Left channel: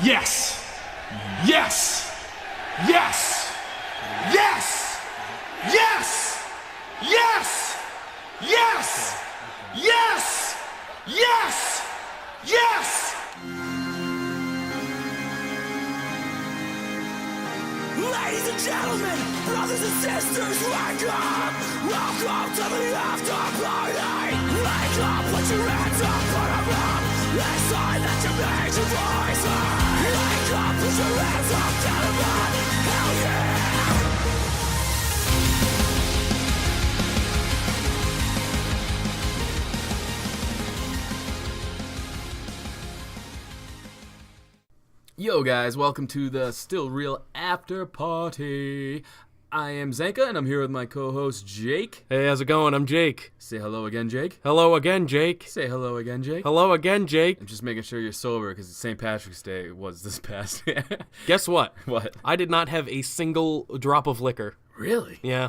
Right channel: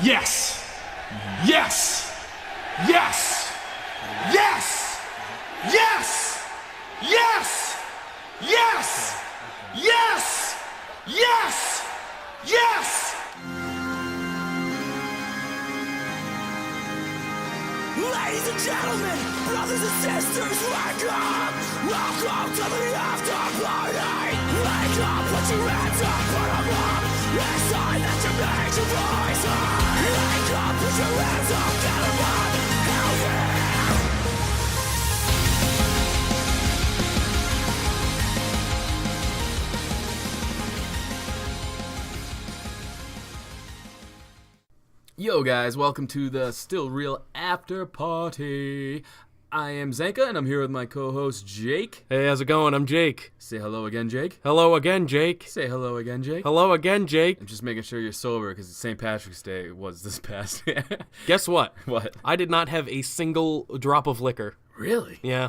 Yes! Yes! Yes! Yes! Yes! Yes! Yes! Yes! Yes! Yes! Ladies and gentlemen, brothers and sisters, wake up! Welcome to the after party! Wake up, put your hands up, put them up! It's time that you make your voice heard! Wake up, put your hands up, get them up! Hell yeah! Yo guys, welcome to the Still Real After Party. I am Zanka and I'm here with my co-host Jake. Hey, how's it going? I'm Jake. Say hello again, Jake. Hello again, Jake. Say hello again, Jake. Hello again, Jake. I'm just making sure you're sober because St. Patrick's Day was this past. Guess what? What? I did not have a single drop of liquor. Really? Yeah.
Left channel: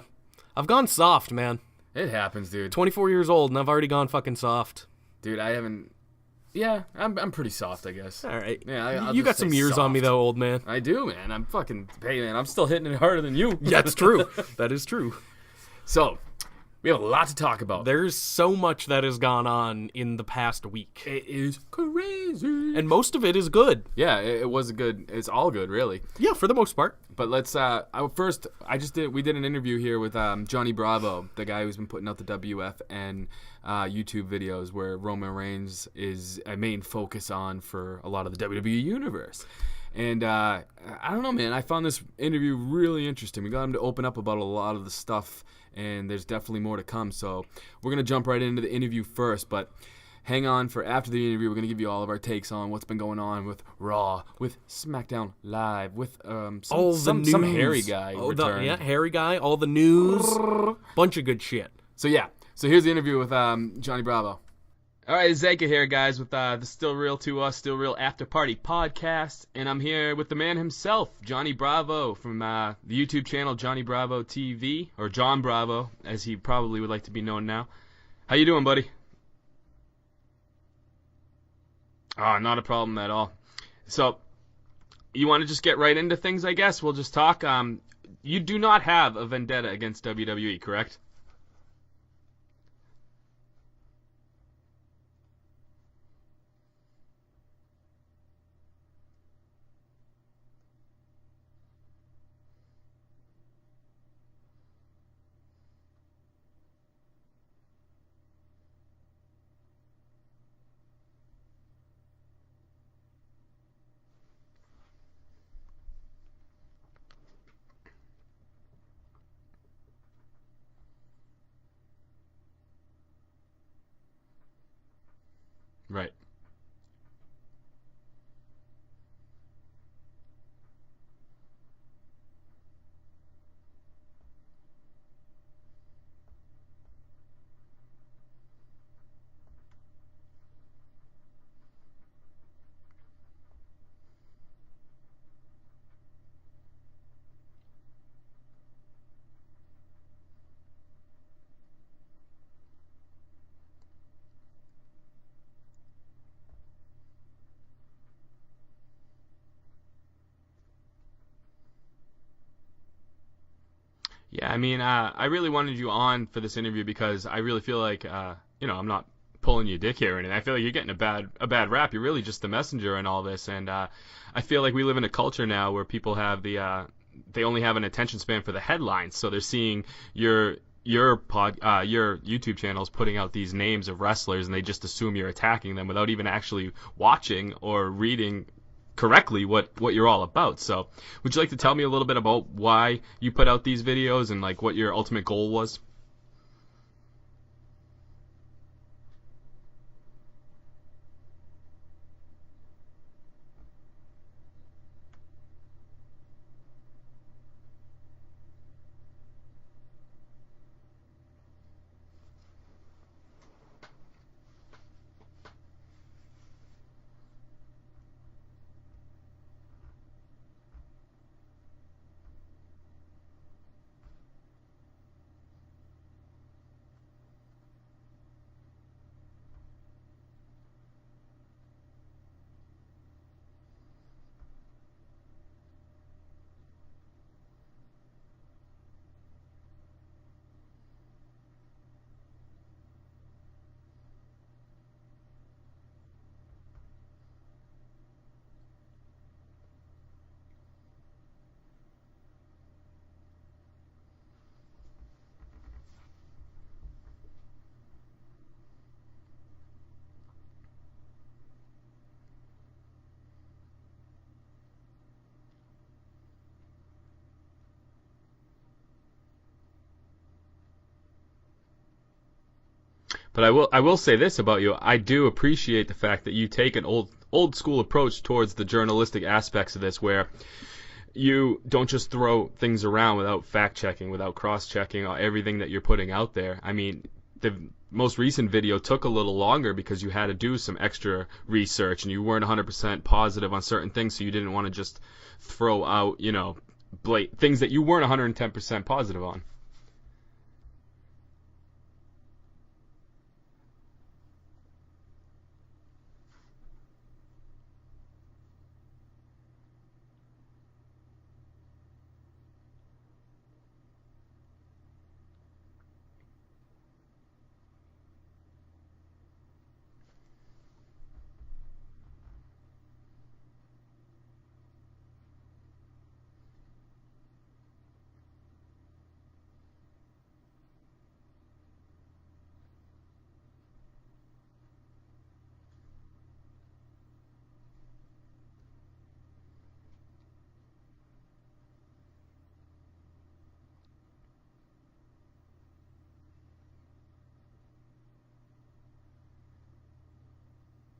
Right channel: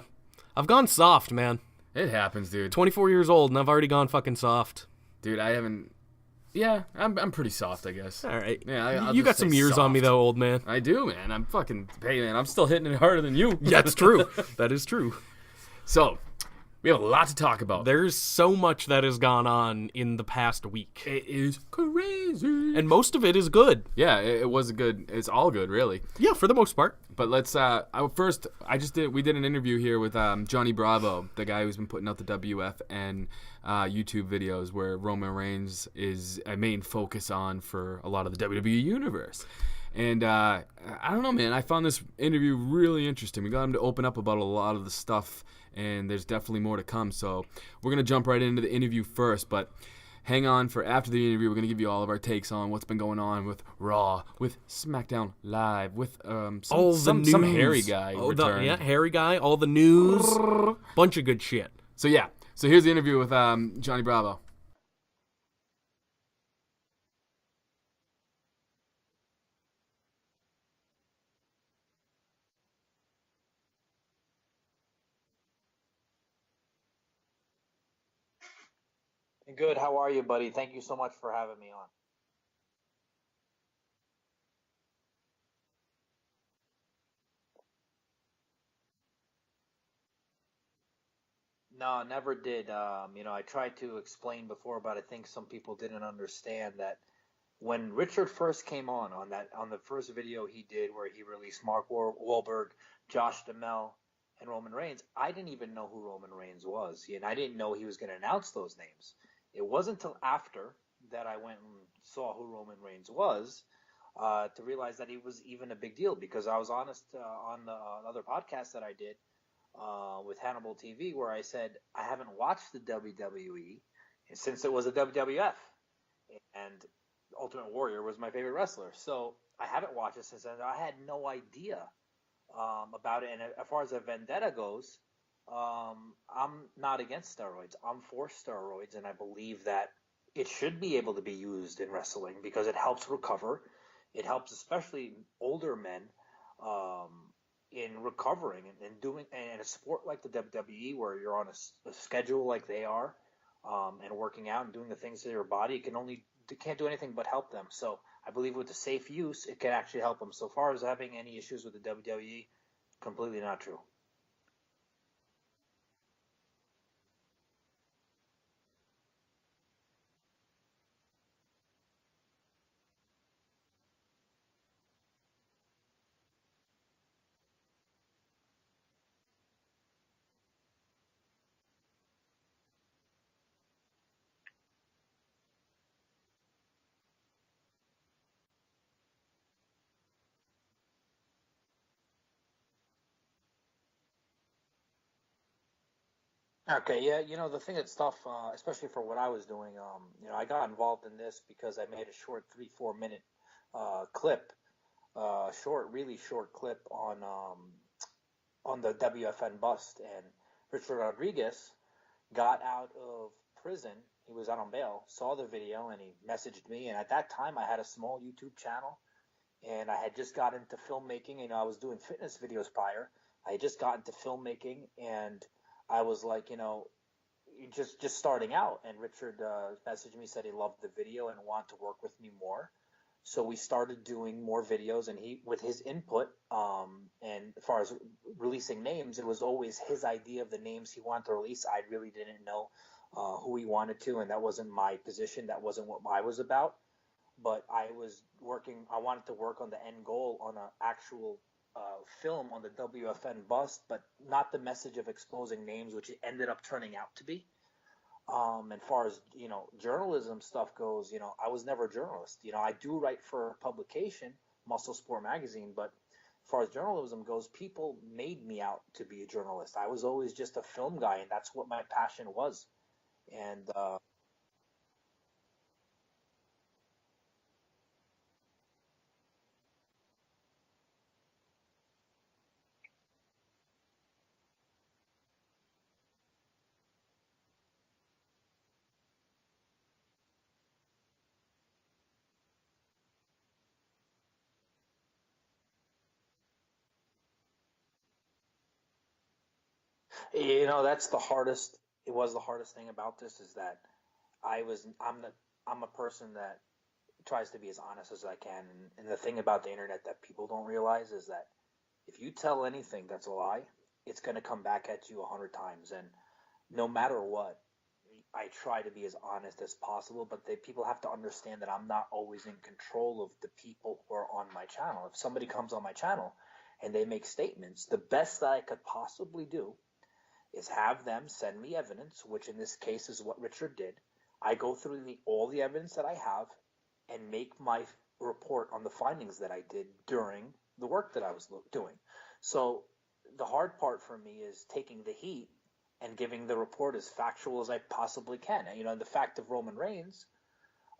I've gone soft, man. It happens, dude. 24 years old and I've already gone fucking soft. Dude, I haven't... Yeah, I'm pretty soft, I guess. All right. Yeah, I'll you just got some say years on me, soft. though, old man. I do, man. I'm fucking... Hey, man, I'm still hitting it harder than you. That's true. That is true. So, we have a lot to talk about. There's so much that has gone on in the past week. It is crazy. And most of it is good. Yeah, it was a good... It's all good, really. Yeah, for the most part. But let's we did an interview here with Jon Bravo, the guy who's been putting out the WF and YouTube videos where Roman Reigns is a main focus on for a lot of the WWE universe. And I don't know, man, I found this interview really interesting. We got him to open up about a lot of the stuff, and there's definitely more to come. So we're going to jump right into the interview first, but hang on for after the interview. We're going to give you all of our takes on what's been going on with Raw, with SmackDown Live, with some hairy guy returned. Hairy guy, all the news, bunch of good shit. So here's the interview with Jon Bravo. All right, Zanka here, guys, with the Still Real to Us, Still Real After Party podcast, and I'm here with the man himself, Jon Bravo, from the YouTube channel Jon Bravo TV, or Jon Bravo, as he probably would like to be known now. How you doing, buddy? Good. How are you, buddy? Thank you so much for having me on. Not a problem at all. So, you want to just get right into things, I guess? We'll just talk. You do not have a vendetta against WWE, correct? No, never did. I tried to explain before, but I think some people didn't understand that when Richard first came on the first video he did where he released Mark Wahlberg, Josh Duhamel, and Roman Reigns, I didn't even know who Roman Reigns was, and I didn't know he was going to announce those names. It wasn't until after that I went and saw who Roman Reigns was to realize that he was even a big deal, because I was honest on another podcast that I did with Hannibal TV where I said I haven't watched the WWE since it was a WWF. Right. And Ultimate Warrior was my favorite wrestler. So I haven't watched it since then. I had no idea about it. And as far as a vendetta goes, I'm not against steroids. I'm for steroids, and I believe that it should be able to be used in wrestling because it helps recover. It helps especially older men in recovering and doing, and a sport like the WWE where you're on a schedule like they are, and working out and doing the things to your body, it can't do anything but help them. So I believe with the safe use, it can actually help them. So far as having any issues with the WWE, completely not true. Yeah, I mean, I really wanted you on for this interview because I really feel like, I'm not pulling your dick here or anything. I feel like you're getting a bad rap. You're really just the messenger in all this, and I feel like we live in a culture now where people have they only have an attention span for the headlines, so they're seeing your YouTube channels putting out these names of wrestlers, and they just assume you're attacking them without even actually watching or reading correctly what you're all about. So would you like to tell me a little bit about why you put out these videos and like what your ultimate goal was? Okay, yeah, the thing that's tough, especially for what I was doing, I got involved in this because I made a short 3-4 minute clip, really short clip on the WFN bust, and Richard Rodriguez got out of prison. He was out on bail, saw the video, and he messaged me. And at that time, I had a small YouTube channel, and I had just got into filmmaking. I was doing fitness videos prior. I had just got into filmmaking, and I was like, just starting out. And Richard messaged me, said he loved the video and wanted to work with me more. So we started doing more videos, and he, with his input, and as far as releasing names, it was always his idea of the names he wanted to release. I really didn't know who he wanted to, and that wasn't my position. That wasn't what I was about. But I wanted to work on the end goal on an actual film on the WFN bust, but not the message of exposing names, which it ended up turning out to be. And far as, journalism stuff goes, I was never a journalist. I do write for a publication, Muscle Sport Magazine, but as far as journalism goes, people made me out to be a journalist. I was always just a film guy, and that's what my passion was. But I will say this about you. I do appreciate the fact that you take an old school approach towards the journalistic aspects of this, where you don't just throw things around without fact checking, without cross checking everything that you're putting out there. I mean, the most recent video took a little longer because you had to do some extra research and you weren't 100% positive on certain things, so you didn't want to just throw out, things that you weren't 110% positive on. That's the hardest. It was the hardest thing about this is that I'm a person that tries to be as honest as I can. And the thing about the internet that people don't realize is that if you tell anything that's a lie, it's going to come back at you 100 times. And no matter what, I try to be as honest as possible, but people have to understand that I'm not always in control of the people who are on my channel. If somebody comes on my channel and they make statements, the best that I could possibly do is have them send me evidence, which in this case is what Richard did. I go through all the evidence that I have and make my report on the findings that I did during the work that I was doing. So the hard part for me is taking the heat and giving the report as factual as I possibly can. The fact of Roman Reigns,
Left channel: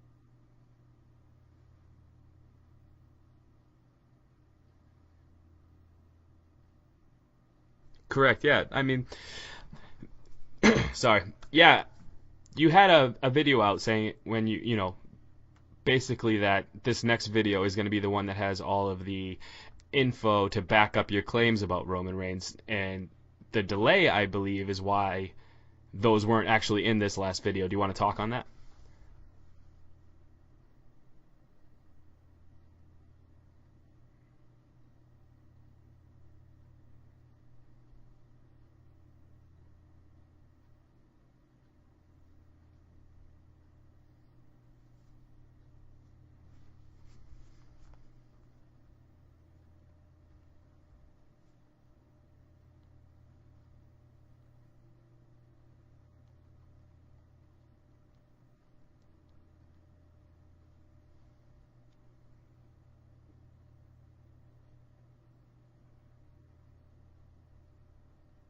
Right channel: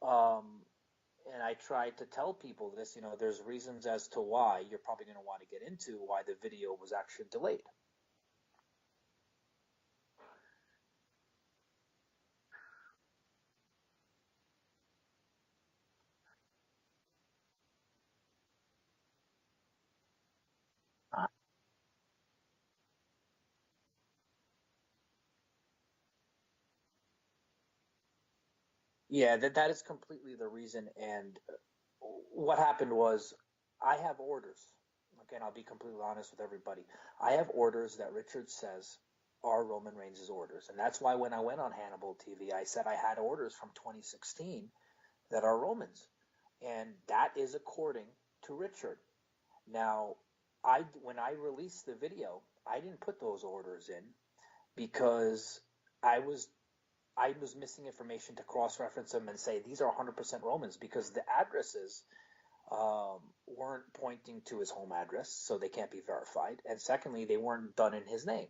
and I try to tell people this, there's reasons as to why you're probably going to want to get into why the video was actually delayed. Correct, yeah. I mean, sorry. Yeah, you had a video out saying when basically that this next video is going to be the one that has all of the info to back up your claims about Roman Reigns, and the delay, I believe, is why those weren't actually in this last video. Do you want to talk on that? Yeah, that is completely the reason. And what happened was I have orders. Okay, and I'll be completely honest with everybody. I have orders that Richard says are Roman Reigns' orders. And that's why when I went on Hannibal TV, I said I had orders from 2016 that are Roman's. And that is according to Richard. Now, when I released the video, I didn't put those orders in because I was missing information to cross-reference them and say these are 100% Romans, because the addresses weren't pointing to his home address, so they can't be verified. And secondly, they weren't done in his name.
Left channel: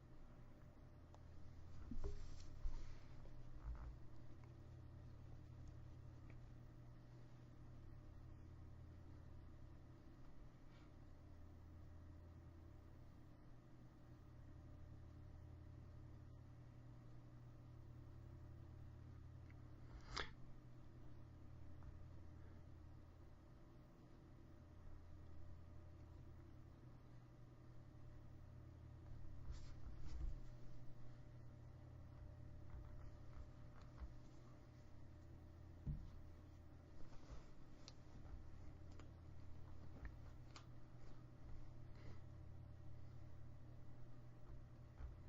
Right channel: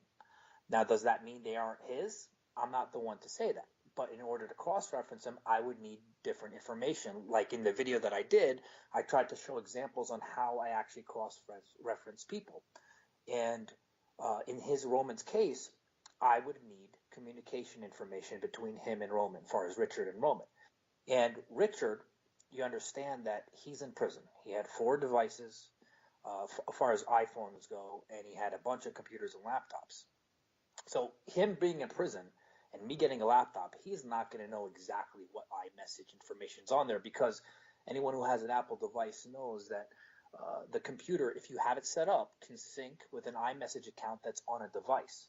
Now, does that mean they aren't his? I'm not the one to say that. But in order to cross-reference them, I would need different information. Like in the video that I did, I tried to show examples on how I actually cross-reference people. And in his Roman's case, I would need communication information between him and Roman, as far as Richard and Roman. And Richard, you understand that he's in prison. He had 4 devices as far as iPhones go, and he had a bunch of computers and laptops. So him being in prison and me getting a laptop, he's not going to know exactly what iMessage information is on there, because anyone who has an Apple device knows that the computer, if you have it set up, can sync with an iMessage account that's on a device.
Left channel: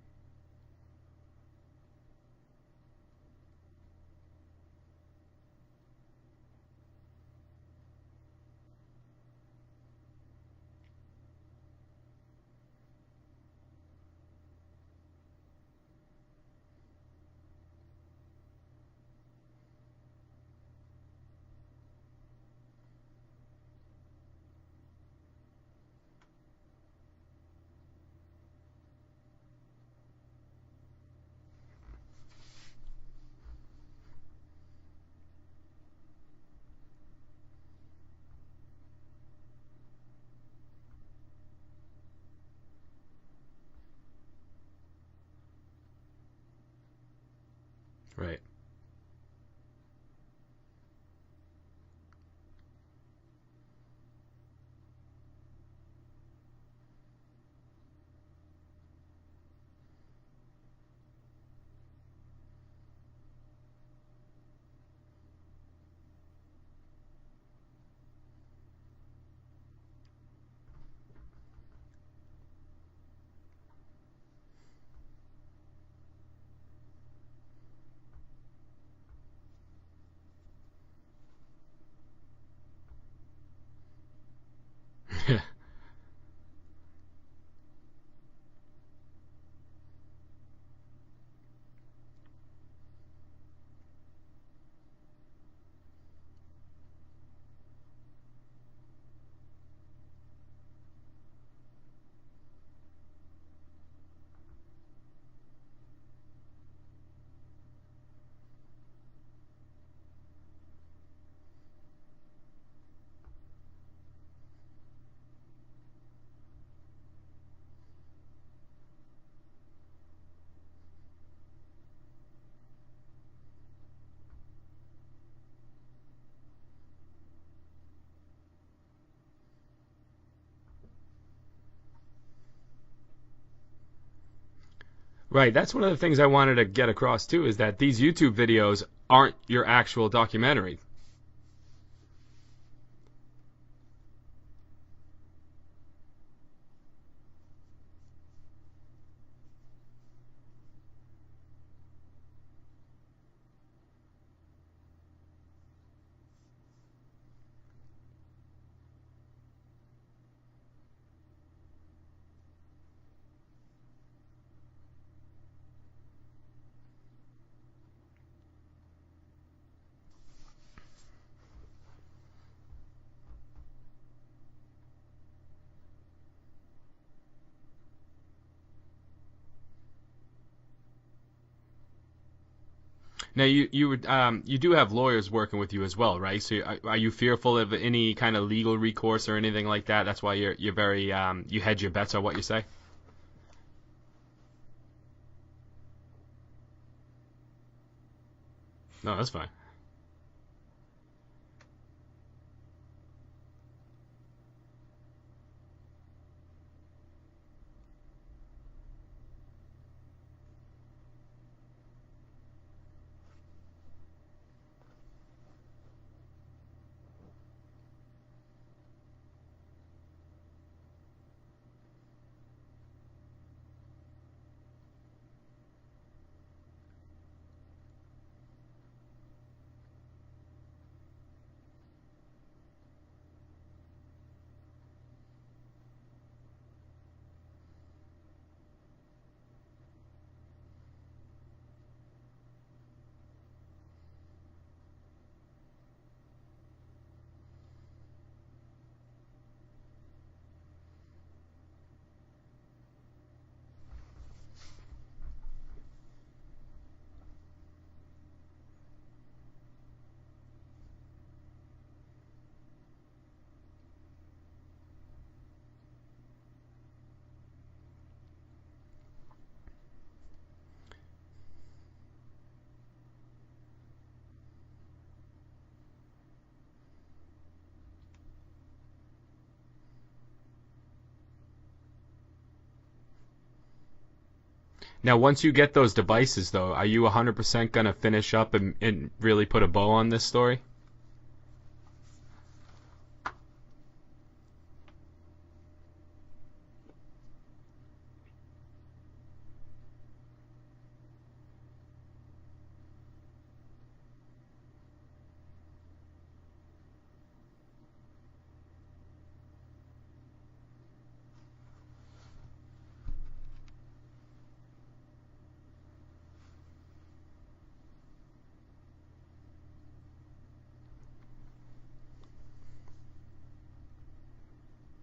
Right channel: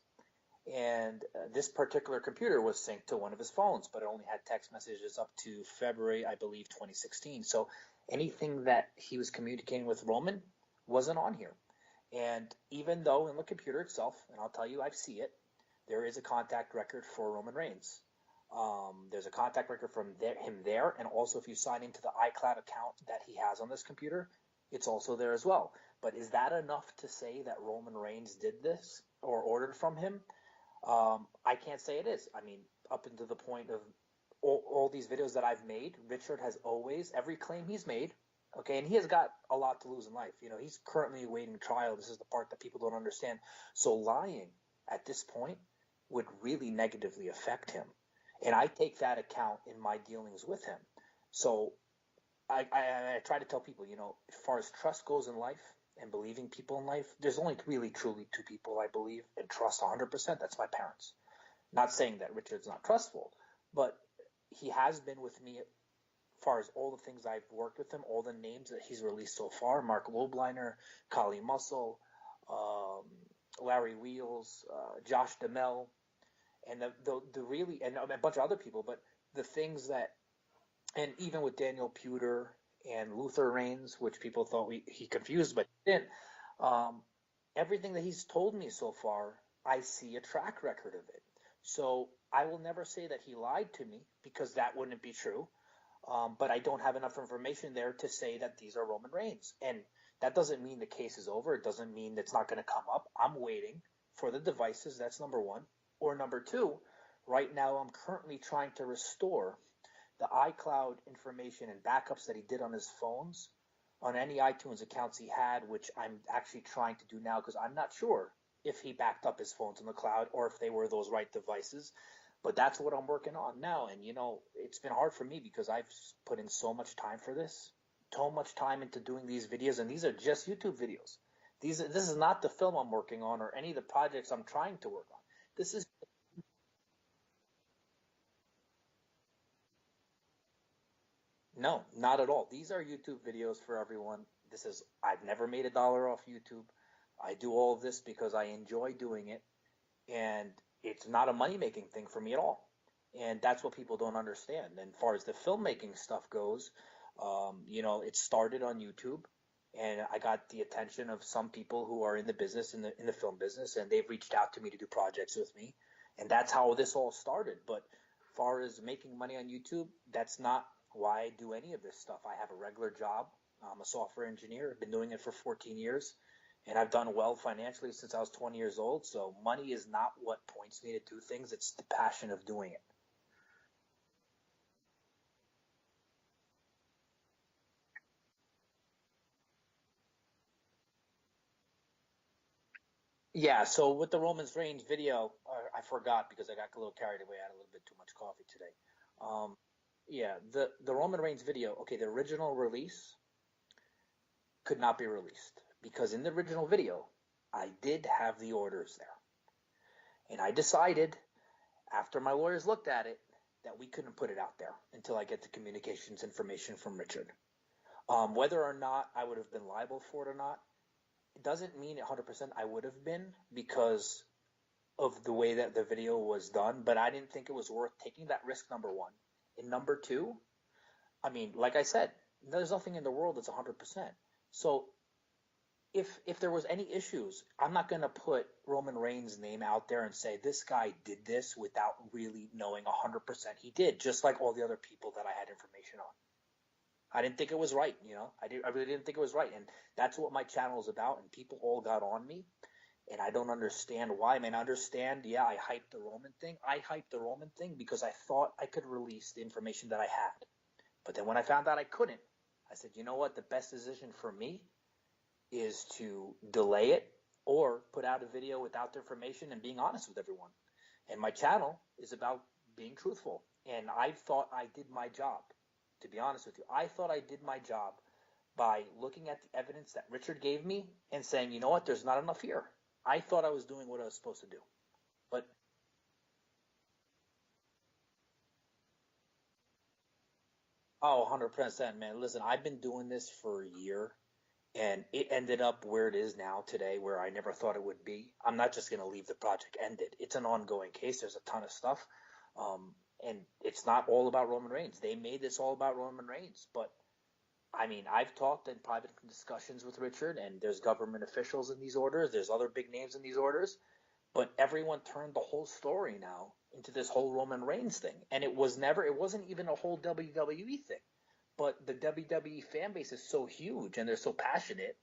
And this particular computer was synced to one of his phones, but it only had text messages up to February, I believe, 2016. So anything that he was communicating with Roman wasn't on here. And even though in the computer itself, and I'll tell you, I see it, there is a contact record for Roman Reigns. There's a contact record from him there, and also if you sign into the iCloud account that he has on this computer, it's also there as well. But is that enough to say that Roman Reigns did this or ordered from him? I can't say it is. I mean, up until the point of all these videos that I've made, Richard has always, every claim he's made, okay, and he has got a lot to lose in life. He's currently awaiting trial. This is the part that people don't understand. So lying at this point would really negatively affect him. Right. And I take that account in my dealings with him. So I try to tell people, as far as trust goes in life and believing people in life, there's only really truly 2 people I believe and trust 100%. That's my parents. Not saying that Richard's not trustful, but he has been with me far as all the things I've worked with him, all the names that he's released so far, Mark Lobliner, Kali Muscle, Larry Wheels, Josh Duhamel, and the really, and a bunch of other people, but the things that, and even with Daniel Pewter and Luther Reigns, which people thought he could use, but didn't, everything that he's told me so far, I see a track record of it. So I will never say that he lied to me, because that wouldn't be true. But I don't have enough information there to say that these are Roman Reigns. And that doesn't mean the case is over. It doesn't mean it's not going to come up. I'm waiting for the devices. That's number one. Or number two, right now I'm currently trying to restore the iCloud information and backups that he did on his phones on any iTunes accounts he had, which I'm actually trying to do now, because I'm not sure if he backed up his phones in the cloud or if they were those right devices. But that's what I'm working on now. And, you know, it's been hard for me because I've put in so much time for this, so much time into doing these videos, and these are just YouTube videos. This is not the film I'm working on or any of the projects I'm trying to work on. Right, that's one of the things I wanted to get across too, is that these YouTube videos aren't your actual documentary. No, not at all. These are YouTube videos for everyone. I've never made $1 off YouTube. I do all of this because I enjoy doing it, and it's not a money-making thing for me at all. And that's what people don't understand. And as far as the filmmaking stuff goes, you know, it started on YouTube, and I got the attention of some people who are in the business, in the film business, and they've reached out to me to do projects with me, and that's how this all started. But as far as making money on YouTube, that's not why I do any of this stuff. I have a regular job. I'm a software engineer. I've been doing it for 14 years, and I've done well financially since I was 20 years old. So money is not what points me to do things. It's the passion of doing it. Now you do have lawyers working with you as well, right? So are you fearful of any kind of legal recourse or anything like that? That's why you're very you hedge your bets on what you say. Yeah. So with the Roman Reigns video, I forgot because I got a little carried away. I had a little bit too much coffee today. No, that's fine. Yeah. The Roman Reigns video. Okay, the original release could not be released because in the original video, I did have the orders there, and I decided, after my lawyers looked at it, that we couldn't put it out there until I get the communications information from Richard. Whether or not I would have been liable for it or not, it doesn't mean 100% I would have been because of the way that the video was done, but I didn't think it was worth taking that risk, number one. And number two, I mean, like I said, there's nothing in the world that's 100%. So if there was any issues, I'm not going to put Roman Reigns' name out there and say this guy did this without really knowing 100% he did, just like all the other people that I had information on. I didn't think it was right, you know. I really didn't think it was right, and that's what my channel is about, and people all got on me, and I don't understand why. I mean, I understand, yeah, I hyped the Roman thing. I hyped the Roman thing because I thought I could release the information that I had. But then when I found out I couldn't, I said, you know what, the best decision for me is to delay it or put out a video without the information and being honest with everyone. And my channel is about being truthful. And I thought I did my job, to be honest with you. I thought I did my job by looking at the evidence that Richard gave me and saying, you know what, there's not enough here. I thought I was doing what I was supposed to do. Now, once you get those devices, though, are you 100% going to finish up and really put a bow on this story? Oh, 100%, man. Listen, I've been doing this for a year, and it ended up where it is now today, where I never thought it would be. I'm not just going to leave the project ended. It's an ongoing case. There's a ton of stuff, and it's not all about Roman Reigns. They made this all about Roman Reigns, but I mean, I've talked in private discussions with Richard, and there's government officials in these orders. There's other big names in these orders, but everyone turned the whole story now into this whole Roman Reigns thing, and it wasn't even a whole WWE thing. But the WWE fan base is so huge and they're so passionate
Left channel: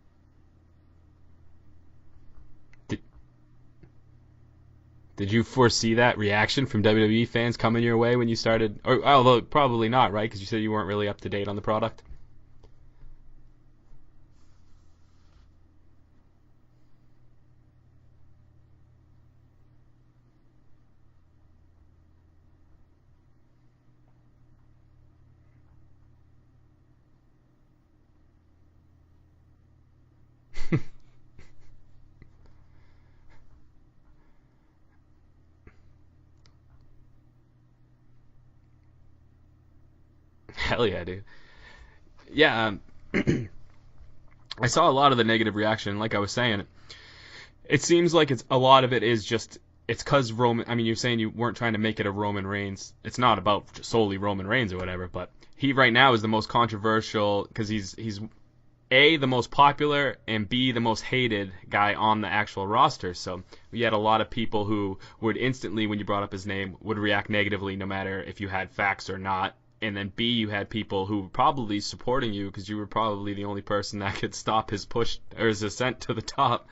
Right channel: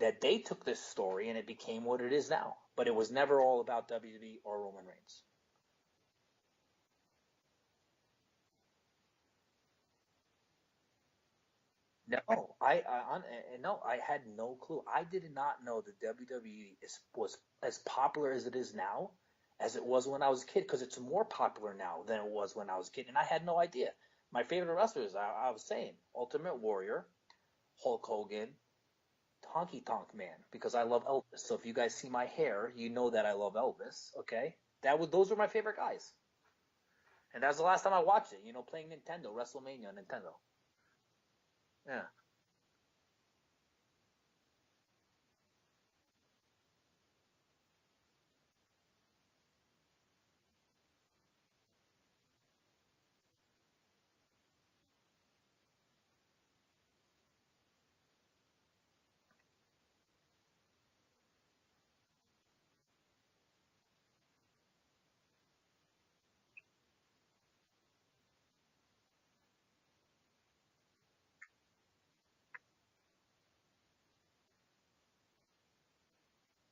that they took this story and it became what it is now. But it was never all about WWE or Roman Reigns. Did you foresee that reaction from WWE fans coming your way when you started? Or, although probably not, right? Because you said you weren't really up to date on the product. No, I had no clue. I did not know that WWE was as popular as it is now as it was when I was a kid, because it's more popular now than it was when I was a kid, and I had no idea. My favorite wrestlers, I was saying, Ultimate Warrior, Hulk Hogan, Honky Tonk Man, because I love Elvis. So if you guys see my hair, you know that I love Elvis, okay? Those were my favorite guys. And that was the last time I watched it. Playing Nintendo, WrestleMania on Nintendo. Hell yeah, dude. Yeah. Yeah. I saw a lot of the negative reaction. Like I was saying, it seems like a lot of it is just it's because Roman. I mean, you're saying you weren't trying to make it a Roman Reigns. It's not about solely Roman Reigns or whatever, but he right now is the most controversial because he's A, the most popular, and B, the most hated guy on the actual roster. So we had a lot of people who would instantly, when you brought up his name, would react negatively no matter if you had facts or not. And then B, you had people who were probably supporting you because you were probably the only person that could stop his push or his ascent to the top.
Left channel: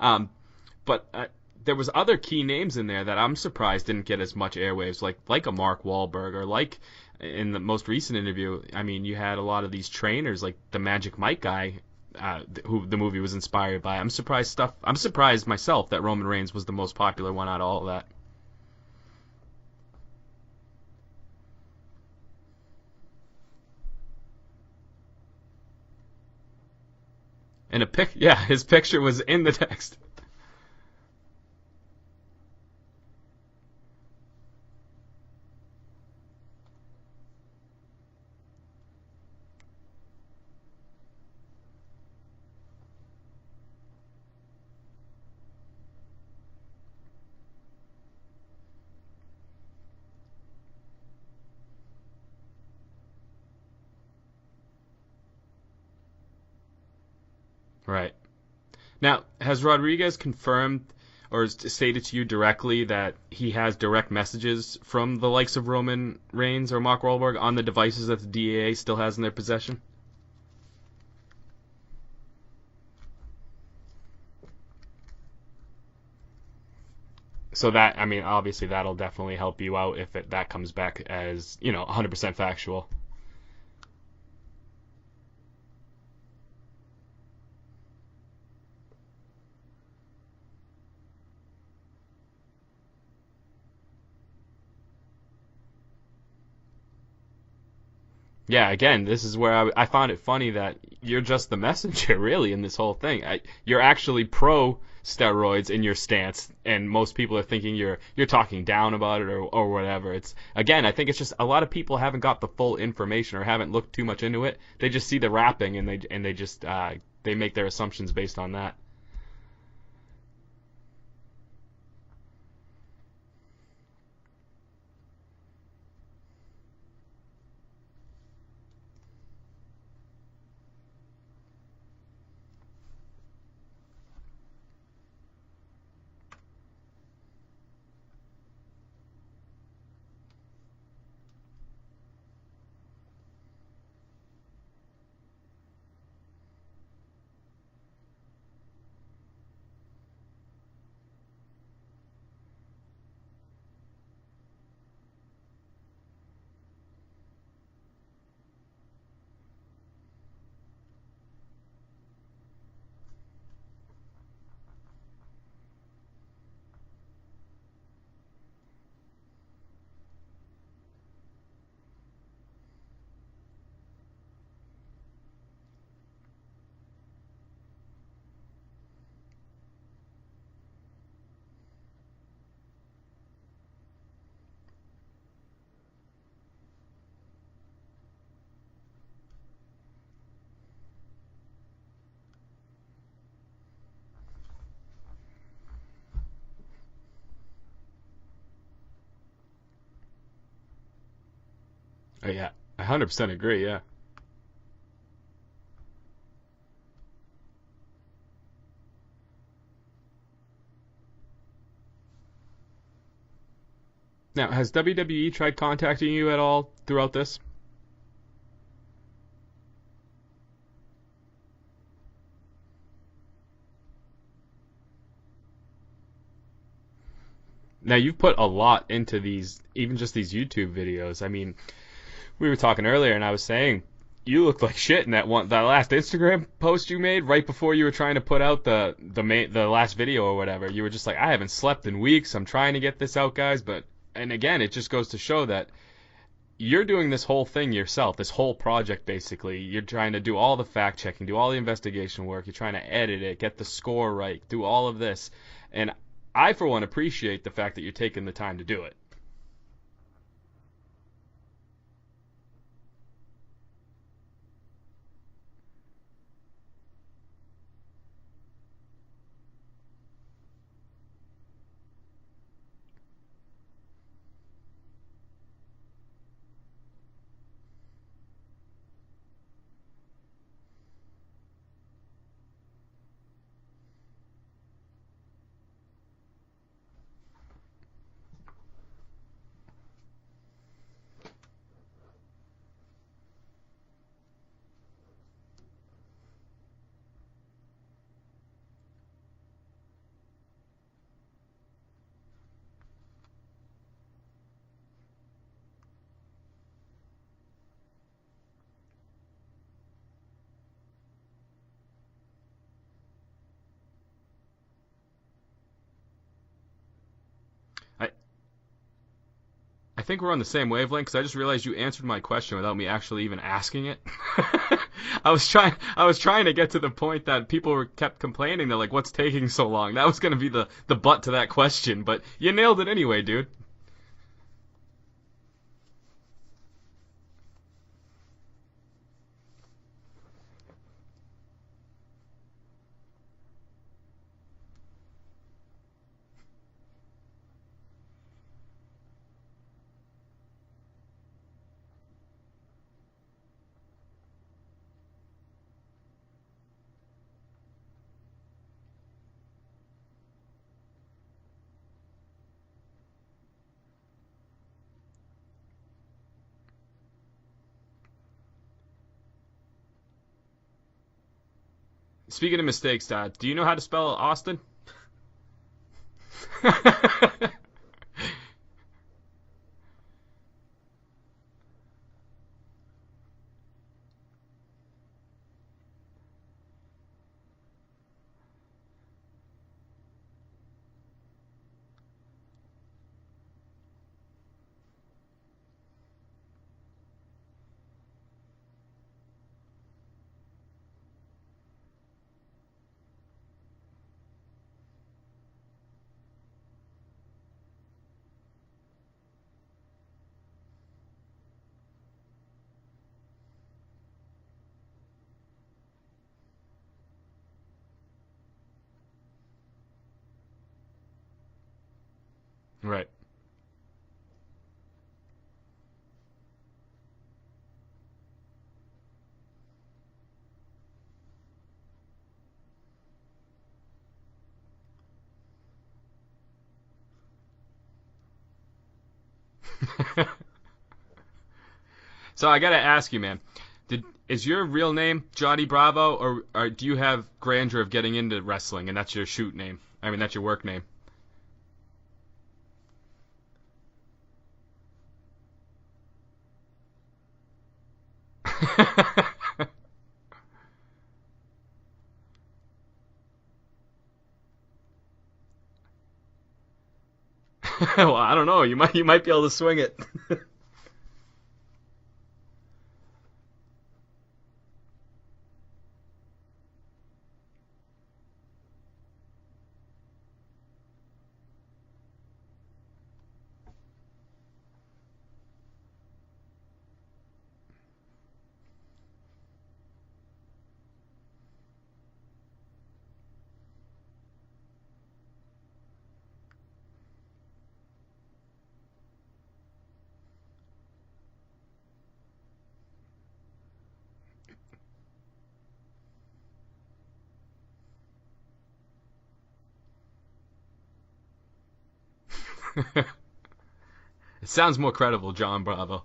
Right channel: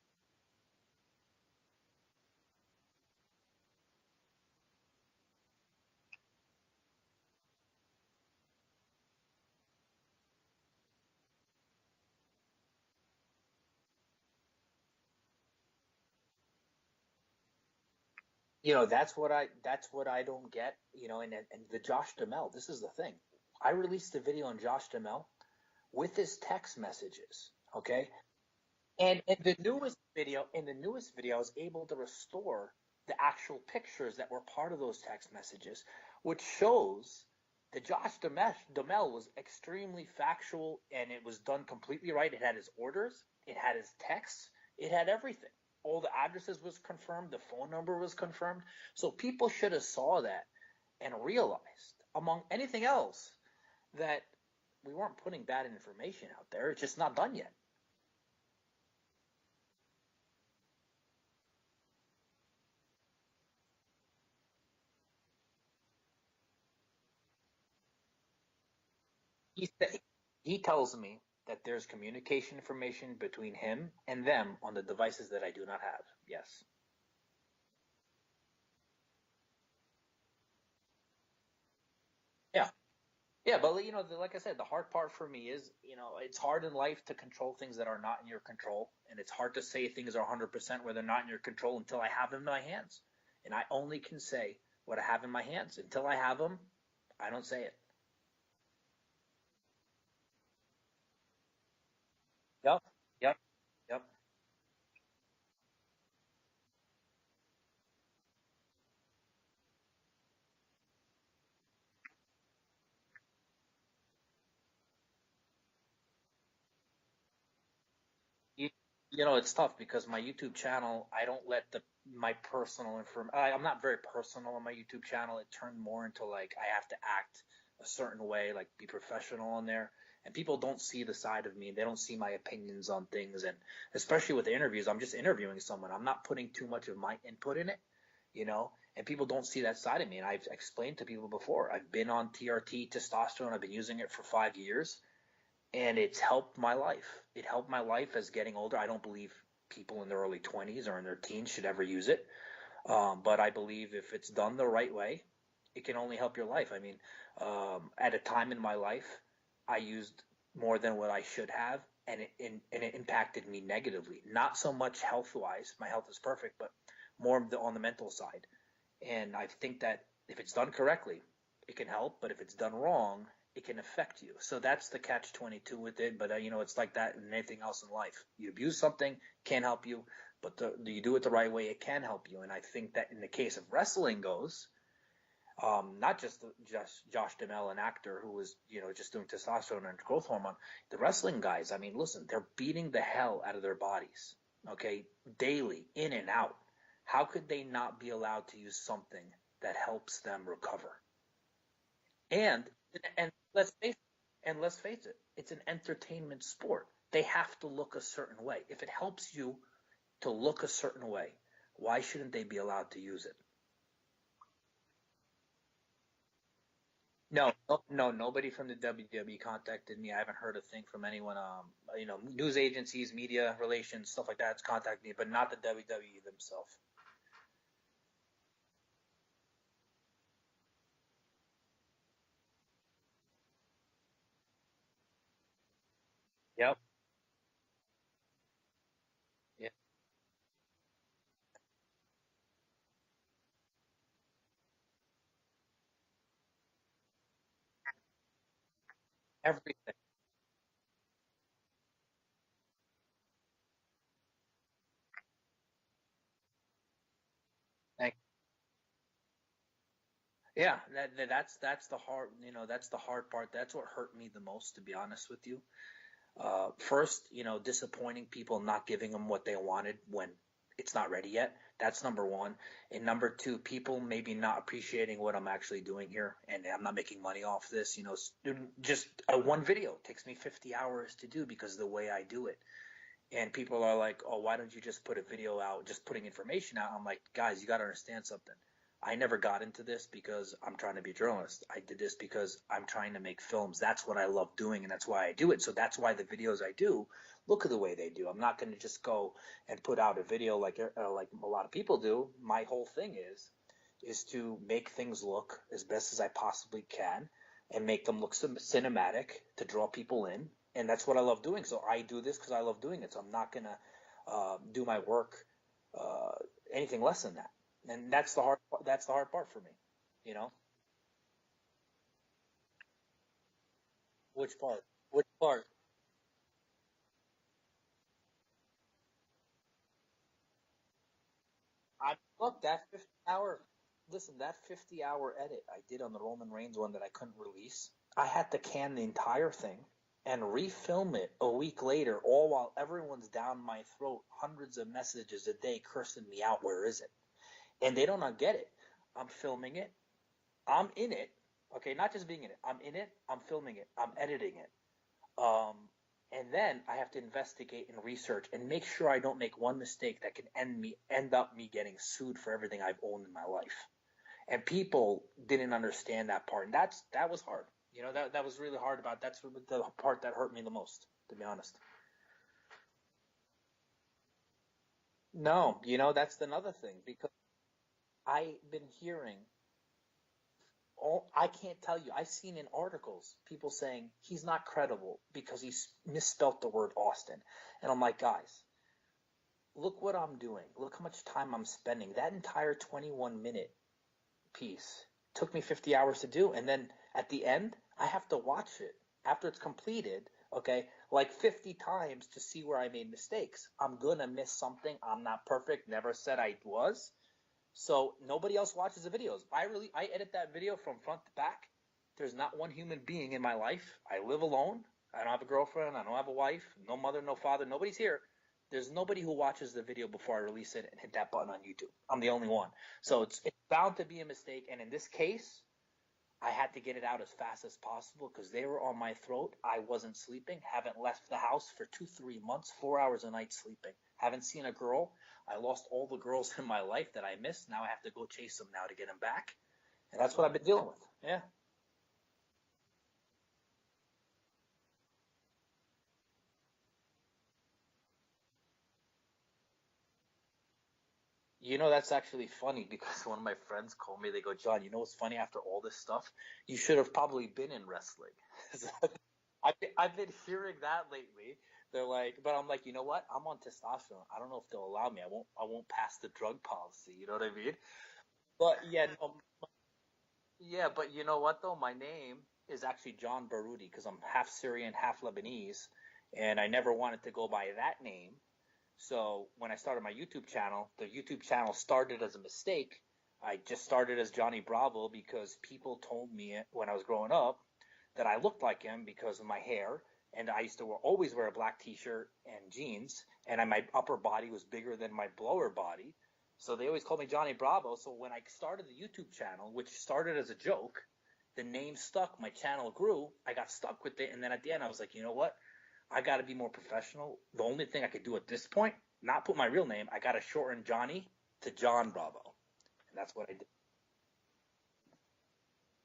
But there was other key names in there that I'm surprised didn't get as much airwaves, like a Mark Wahlberg or like in the most recent interview. I mean, you had a lot of these trainers like the Magic Mike guy, who the movie was inspired by. I'm surprised myself that Roman Reigns was the most popular one out of all of that. That's what I don't get. And the Josh Duhamel. This is the thing. I released a video on Josh Duhamel with his text messages. And okay? his picture was in the text. In the newest video, I was able to restore the actual pictures that were part of those text messages, which shows that Josh Duhamel was extremely factual, and it was done completely right. It had his orders, it had his texts, it had everything. All the addresses was confirmed, the phone number was confirmed. So people should have saw that and realized, among anything else, that we weren't putting bad information out there. It's just not done yet. Right. Now, has Rodriguez confirmed or stated to you directly that he has direct messages from the likes of Roman Reigns or Mark Wahlberg on the devices that the DEA still has in their possession? He tells me that there's communication information between him and them on the devices that I do not have. Yes. So that, I mean, obviously that'll definitely help you out if that comes back as, 100% factual. Yeah, but like I said, the hard part for me is, it's hard in life to control things that are not in your control, and it's hard to say things are 100% where they're not in your control until I have them in my hands. And I only can say what I have in my hands. Until I have them, I don't say it. Yeah, again, this is where I found it funny that you're just the messenger, really, in this whole thing. Yep. You're actually pro steroids in your stance, and most people are thinking you're talking down about it or whatever. It's, again, I think it's just a lot of people haven't got the full information or haven't looked too much into it. They just see the wrapping and they just they make their assumptions based on that. It's tough because my YouTube channel, I don't let my personal information. I'm not very personal on my YouTube channel. It turned more into like I have to act a certain way, like be professional on there. And people don't see the side of me. They don't see my opinions on things. And especially with the interviews, I'm just interviewing someone. I'm not putting too much of my input in it, and people don't see that side of me. And I've explained to people before, I've been on TRT testosterone. I've been using it for 5 years, and it's helped my life. It helped my life as getting older. I don't believe people in their early 20s or in their teens should ever use it. But I believe if it's done the right way, it can only help your life. I mean, at a time in my life, I used more than what I should have, and it impacted me negatively. Not so much health-wise. My health is perfect, but more on the mental side. And I think that if it's done correctly, it can help, but if it's done wrong, it can affect you. So that's the catch-22 with it, but it's like that in anything else in life. You abuse something, can't help you, but you do it the right way, it can help you. And I think that in the case of wrestling goes, not just Josh Duhamel, an actor who was, just doing testosterone and growth hormone. The wrestling guys, I mean, listen, they're beating the hell out of their bodies, okay, daily, in and out. How could they not be allowed to use something that helps them recover? Yeah, I 100% agree, yeah. And let's face it, it's an entertainment sport. They have to look a certain way. If it helps you to look a certain way, why shouldn't they be allowed to use it? Now, has WWE tried contacting you at all throughout this? No, nobody from the WWE contacted me. I haven't heard a thing from anyone. News agencies, media relations, stuff like that's contacted me, but not the WWE themselves. Now, you've put a lot into these, even just these YouTube videos. I mean, we were talking earlier, and I was saying you looked like shit in that last Instagram post you made right before you were trying to put out the last video or whatever. You were just like, I haven't slept in weeks. I'm trying to get this out, guys, but. And again, it just goes to show that you're doing this whole thing yourself, this whole project basically. You're trying to do all the fact checking, do all the investigation work. You're trying to edit it, get the score right, do all of this. And I, for one, appreciate the fact that you're taking the time to do it. Yeah, that's the hard, that's the hard part. That's what hurt me the most, to be honest with you. First, disappointing people, not giving them what they wanted when it's not ready yet. That's number one. And number two, people maybe not appreciating what I'm actually doing here, and I'm not making money off this. Just one video takes me 50 hours to do because of the way I do it. And people are like, oh, why don't you just put a video out, just putting information out? I'm like, guys, you got to understand something. I never got into this because I'm trying to be a journalist. I did this because I'm trying to make films. That's what I love doing, and that's why I do it. So that's why the videos I do look at the way they do. I'm not going to just go and put out a video like a lot of people do. My whole thing is to make things look as best as I possibly can and make them look cinematic to draw people in. And that's what I love doing. So I do this because I love doing it. So I'm not going to do my work anything less than that. And that's the hard part for me. I think we're on the same wavelength because I just realized you answered my question without me actually even asking it. I was trying to get to the point that people kept complaining. They're like, "What's taking so long?" That was going to be the butt to that question, but you nailed it anyway, dude. Listen, that 50-hour edit I did on the Roman Reigns one that I couldn't release, I had to can the entire thing and refilm it a week later, all while everyone's down my throat, hundreds of messages a day cursing me out. Where is it? And they don't get it. I'm filming it. I'm in it. Okay, not just being in it. I'm in it. I'm filming it. I'm editing it. And then I have to investigate and research and make sure I don't make one mistake that can end up me getting sued for everything I've owned in my life. And people didn't understand that part. And that was hard. That was really hard that's the part that hurt me the most, to be honest. Speaking of mistakes, do you know how to spell Austin? No, that's another thing. I've been hearing, I can't tell you, I've seen in articles people saying he's not credible because he misspelt the word Austin. And I'm like, guys, look what I'm doing. Look how much time I'm spending. That entire 21-minute piece took me 50 hours to do. And then at the end, I have to watch it after it's completed, okay, like 50 times to see where I made mistakes. I'm going to miss something. I'm not perfect. Never said I was. So nobody else watches the videos. I edit that video from front to back. There's not one human being in my life. I live alone. I don't have a girlfriend. I don't have a wife. No mother, no father. Nobody's here. There's nobody who watches the video before I release it and hit that button on YouTube. I'm the only one. Right. So it's bound to be a mistake. And in this case, I had to get it out as fast as possible because they were on my throat. I wasn't sleeping. Haven't left the house for 2-3 months. 4 hours a night sleeping. Haven't seen a girl. I lost all the girls in my life that I missed. Now I have to go chase them now to get them back. That's what I've been dealing with. Yeah. So I got to ask you, man, is your real name Johnny Bravo, or do you have grandeur of getting into wrestling and that's your shoot name? I mean, that's your work name. That's actually funny because one of my friends called me. They go, John, what's funny after all this stuff? You should have probably been in wrestling. I've been hearing that lately. They're like, but I'm like, you know what? I'm on testosterone. I don't know if they'll allow me. I won't pass the drug policy. You know what I mean? Well, I don't know. You might be able to swing it. Yeah, but you know what though? My name is actually Jon Bravo because I'm half Syrian, half Lebanese, and I never wanted to go by that name. So when I started my YouTube channel, the YouTube channel started as a mistake. I just started as Johnny Bravo because people told me when I was growing up that I looked like him because of my hair. And I used to always wear a black T-shirt and jeans, and my upper body was bigger than my lower body. So they always called me Johnny Bravo. So when I started the YouTube channel, which started as a joke, the name stuck. My channel grew. I got stuck with it. And then at the end, I was like, you know what? I got to be more professional. The only thing I could do at this point, not put my real name, I got to shorten Johnny to Jon Bravo. That's what I did. It sounds more credible, Jon Bravo.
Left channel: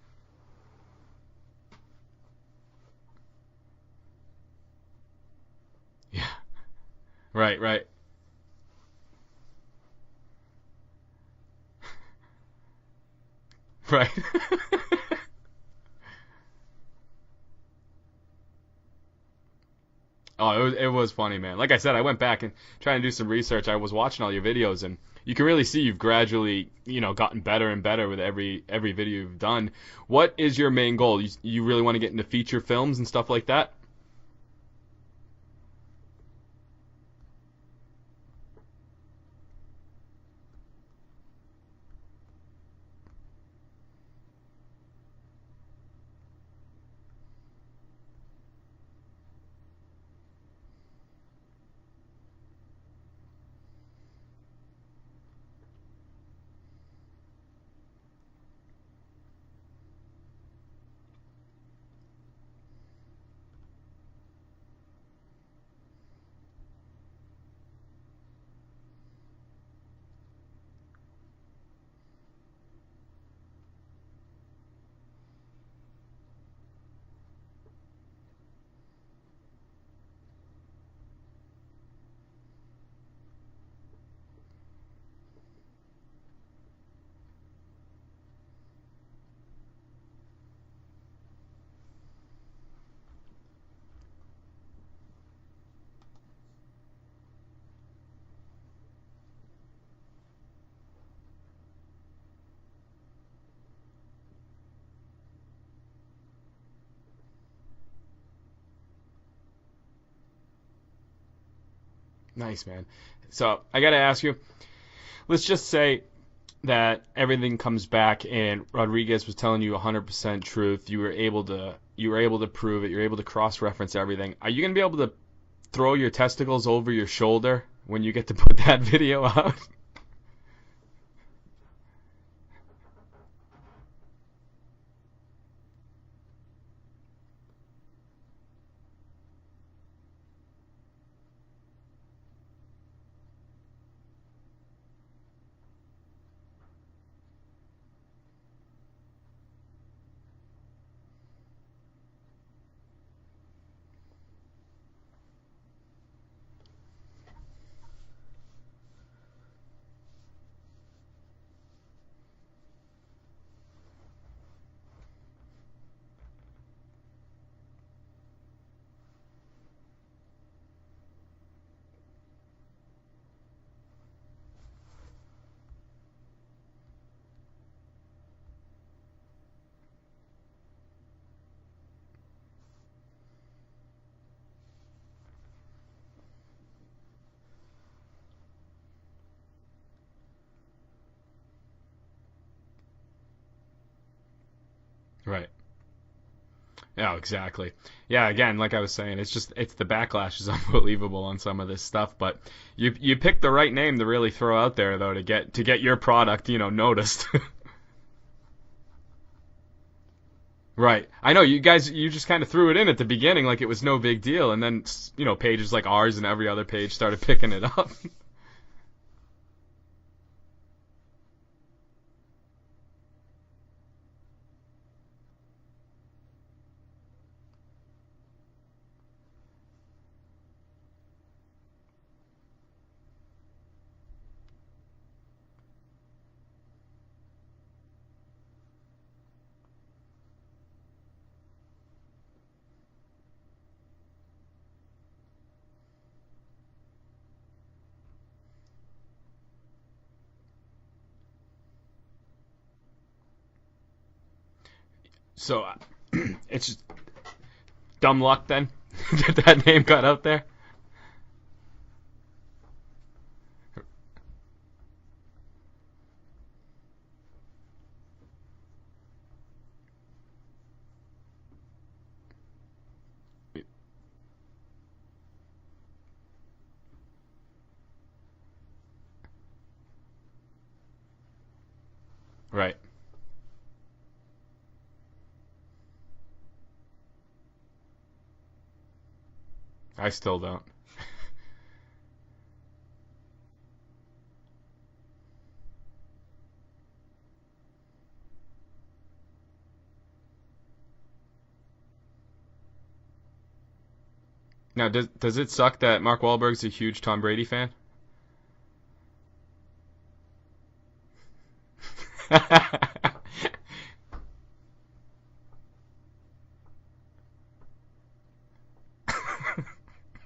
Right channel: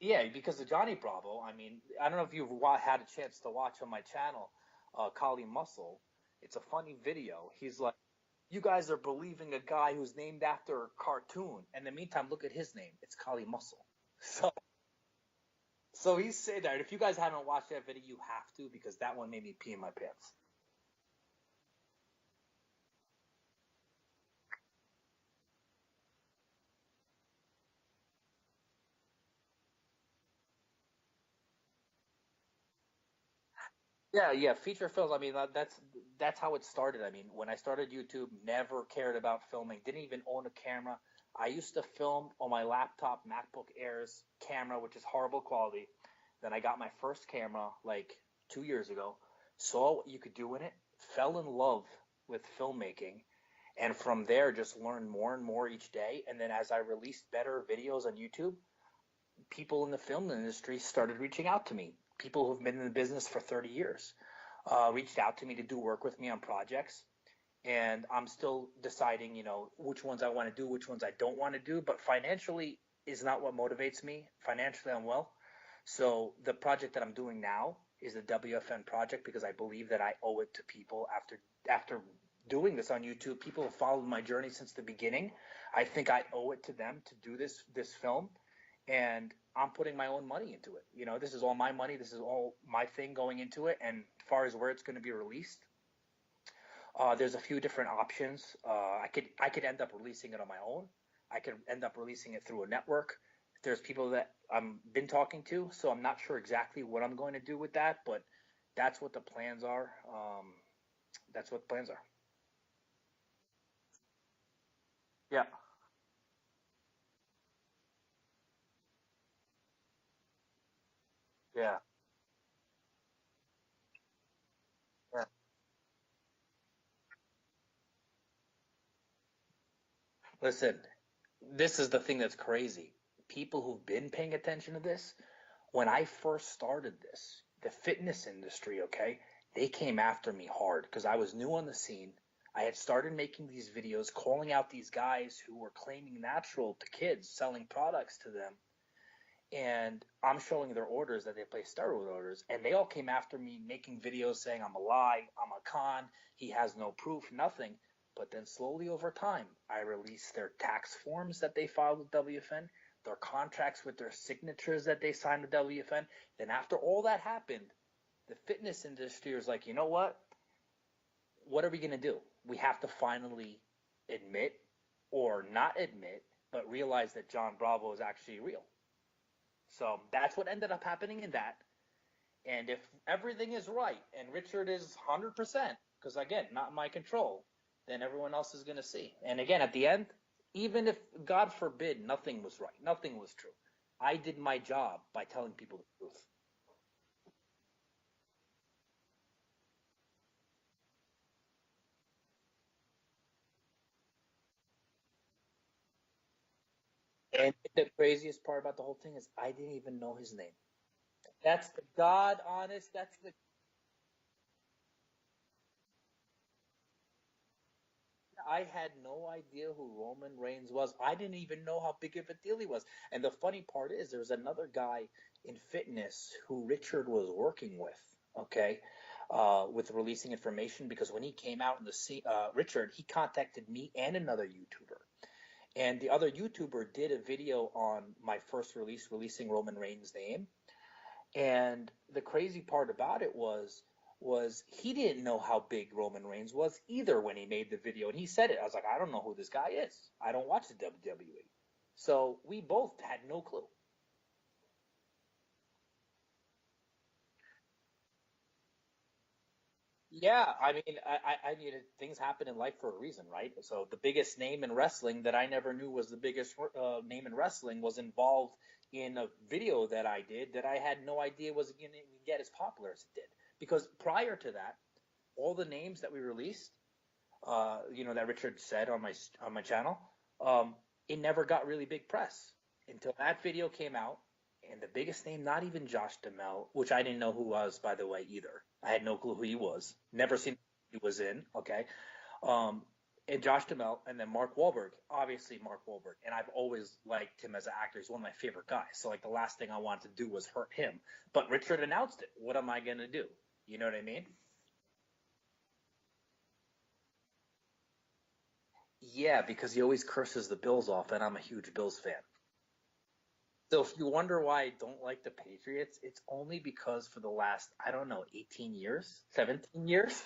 Yeah, because the Johnny Bravo, I mean, I don't know if you've had a chance to watch on my channel, Kali Muscle. Yeah. It's a funny video. Right. Like, you guys are believing a guy who's named after a cartoon. In the meantime, look at his name. It's Kali Muscle. Right. So he's saying that. If you guys haven't watched that video, you have to because that one made me pee in my pants. Oh, it was funny, man. Like I said, I went back and trying to do some research. I was watching all your videos, and you can really see you've gradually, gotten better and better with every video you've done. What is your main goal? You really want to get into feature films and stuff like that? Yeah, feature films. I mean, that's how it started. I mean, when I started YouTube, never cared about filming, didn't even own a camera. I used to film on my laptop MacBook Air's camera, which is horrible quality. Then I got my first camera like 2 years ago, saw what you could do in it, fell in love with filmmaking, and from there just learned more and more each day. And then as I released better videos on YouTube, people in the film industry started reaching out to me. People who've been in the business for 30 years reached out to me to do work with me on projects. And I'm still deciding, which ones I want to do, which ones I don't want to do. But financially is not what motivates me. Financially, I'm well. So the project that I'm doing now is the WFN project because I believe that I owe it to people after doing this on YouTube. People have followed my journey since the beginning. I think I owe it to them to do this film, and I'm putting my own money into it. This is all my money. This is all my thing going into it. And as far as where it's going to be released, there's a few different options. I could end up releasing it on my own. I could end up releasing it through a network. There's people that I've been talking to, so I'm not sure exactly what I'm going to do with that, but that's what the plans are. Nice, man. So I got to ask you, let's just say that everything comes back and Rodriguez was telling you 100% truth. You were able to prove it. You're able to cross-reference everything. Are you going to be able to throw your testicles over your shoulder when you get to put that video out? Listen, this is the thing that's crazy. People who've been paying attention to this, when I first started this, the fitness industry, they came after me hard because I was new on the scene. I had started making these videos, calling out these guys who were claiming natural to kids, selling products to them. And I'm showing their orders that they place steroid orders. And they all came after me making videos saying I'm a lie, I'm a con, he has no proof, nothing. But then slowly over time, I released their tax forms that they filed with WFN, their contracts with their signatures that they signed with WFN. Then after all that happened, the fitness industry was like, you know what? What are we going to do? We have to finally admit or not admit, but realize that Jon Bravo is actually real. So that's what ended up happening in that. And if everything is right and Richard is 100%, because again, not in my control, then everyone else is going to see. And again, at the end, even if, God forbid, nothing was right, nothing was true, I did my job by telling people the truth. Yeah, exactly. Yeah, again, like I was saying, it's the backlash is unbelievable on some of this stuff, but you picked the right name to really throw out there though to get your product, noticed. And the craziest part about the whole thing is I didn't even know his name. Right. I know you just kind of threw it in at the beginning like it was no big deal, and then pages like ours and every other page started picking it up. I had no idea who Roman Reigns was. I didn't even know how big of a deal he was. And the funny part is there was another guy in fitness who Richard was working with, with releasing information, because when he came out in the scene, Richard, he contacted me and another YouTuber. And the other YouTuber did a video on my first release, releasing Roman Reigns' name. And the crazy part about it was he didn't know how big Roman Reigns was either when he made the video. And he said it. I was like, I don't know who this guy is. I don't watch the WWE. So we both had no clue. So it's just dumb luck then that name got out there. Yeah, I mean, things happen in life for a reason, right? So the biggest name in wrestling that I never knew was the biggest name in wrestling was involved in a video that I did that I had no idea was going to get as popular as it did. Because prior to that, all the names that we released, that Richard said on my channel, it never got really big press. Right. Until that video came out. And the biggest name, not even Josh Duhamel, which I didn't know who was, by the way, either. I had no clue who he was. I still don't. He was in, and Josh Duhamel, and then Mark Wahlberg. Obviously, Mark Wahlberg. And I've always liked him as an actor. He's one of my favorite guys. So, the last thing I wanted to do was hurt him. But Richard announced it. What am I going to do? You know what I mean? Now, does it suck that Mark Wahlberg's a huge Tom Brady fan? Yeah, because he always curses the Bills off, and I'm a huge Bills fan. So if you wonder why I don't like the Patriots, it's only because for the last, 18 years, 17 years,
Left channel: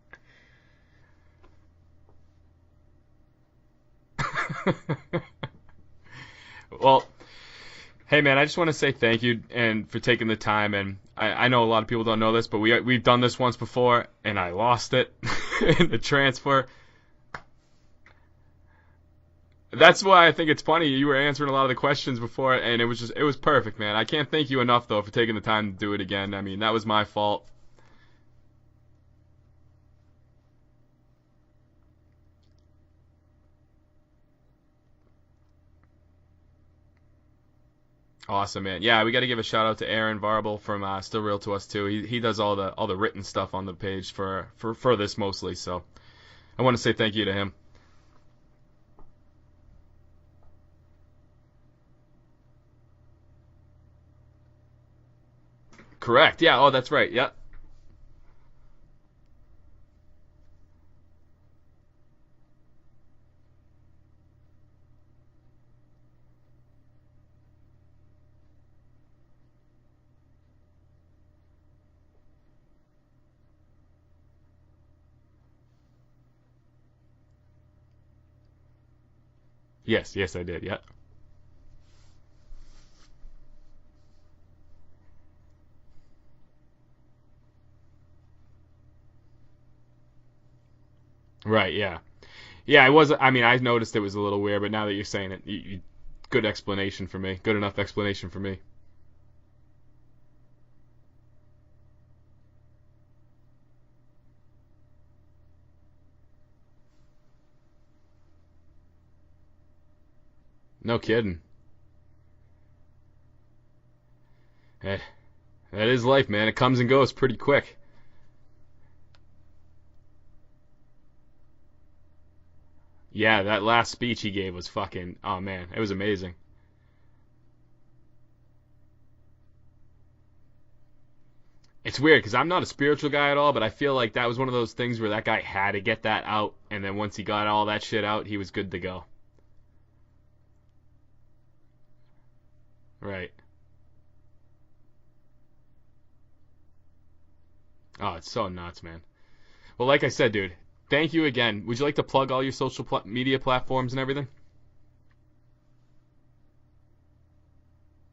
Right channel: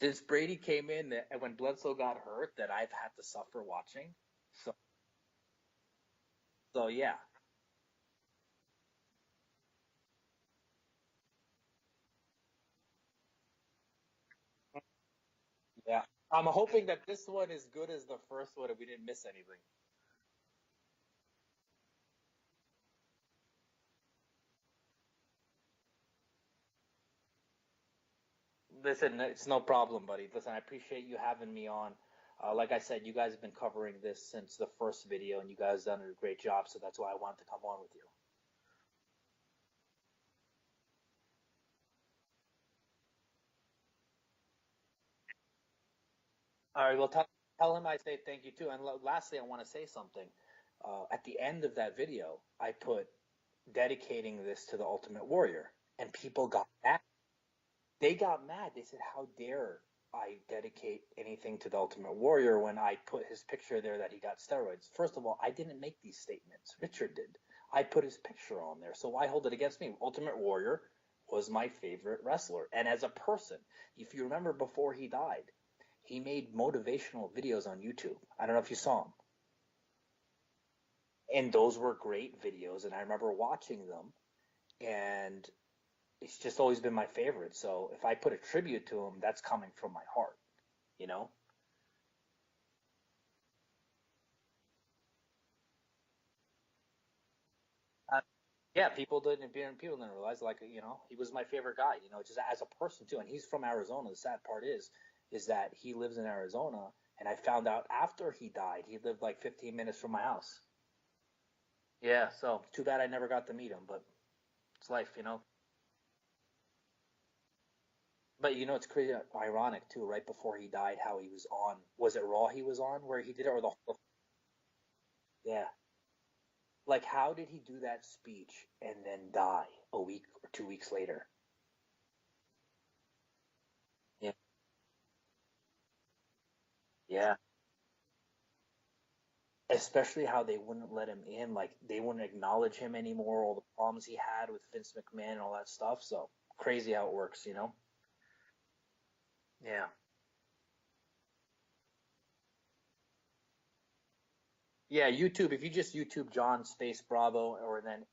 this Brady came in and when Bledsoe got hurt that I've had to suffer watching. So, well, yeah. Hey man, I just want to say thank you and for taking the time. And I know a lot of people don't know this, but we've done this once before, and I lost it in the transfer. I'm hoping that this one is good as the first one, and we didn't miss anything. That's why I think it's funny. You were answering a lot of the questions before, and it was perfect, man. I can't thank you enough though for taking the time to do it again. I mean, that was my fault. Listen, it's no problem, buddy. Listen, I appreciate you having me on. Like I said, you guys have been covering this since the first video, and you guys done a great job, so that's why I wanted to come on with you. Awesome, man. Yeah, we got to give a shout out to Aaron Varble from Still Real to Us too. He does all the written stuff on the page for this mostly. So I want to say thank you to him. Tell him I say thank you too. And lastly, I want to say something. At the end of that video, I put dedicating this to the Ultimate Warrior. And Correct. Yeah. Oh, that's right. Yeah. They got mad. They said, "How dare I dedicate anything to the Ultimate Warrior when I put his picture there that he got steroids?" First of all, I didn't make these statements. Richard did. I put his picture on there, so why hold it against me? Ultimate Warrior was my favorite wrestler, and as a person, if you remember before he died, he made motivational videos on YouTube. I don't know if you saw them. Yes, I did. Yeah. And those were great videos, and I remember watching them, and it's just always been my favorite. So if I put a tribute to him, that's coming from my heart, you know? Right. Yeah. Yeah. It was. I mean, I noticed it was a little weird, but now that you're saying it, good explanation for me. Good enough explanation for me. Yeah, people didn't realize, like, you know, he was my favorite guy, you know, just as a person too. And he's from Arizona. The sad part is that he lives in Arizona, and I found out after he died, he lived like 15 minutes from my house. No kidding. Yeah, so too bad I never got to meet him, but it's life, you know. That is life, man. It comes and goes pretty quick. But you know, it's crazy, ironic too. Right before he died, how he was on. Was it Raw he was on? Yeah, that last speech he gave was fucking. Oh man, Yeah. It was amazing. Like, how did he do that speech and then die a week or 2 weeks later? It's weird because I'm not a spiritual guy at all, but I feel like that was one of those things where that guy had to get that out, and then once he Yeah. got all that shit out, he was good to go. Especially how they wouldn't let him in, like they wouldn't acknowledge him anymore. Right. All the problems he had with Vince McMahon and all that stuff. So crazy how it works, you know. Oh, it's so nuts, man. Yeah. Well, like I said, dude, thank you again. Would you like to plug all your social media platforms and everything? Yeah, YouTube. If you just YouTube Jon Bravo, or then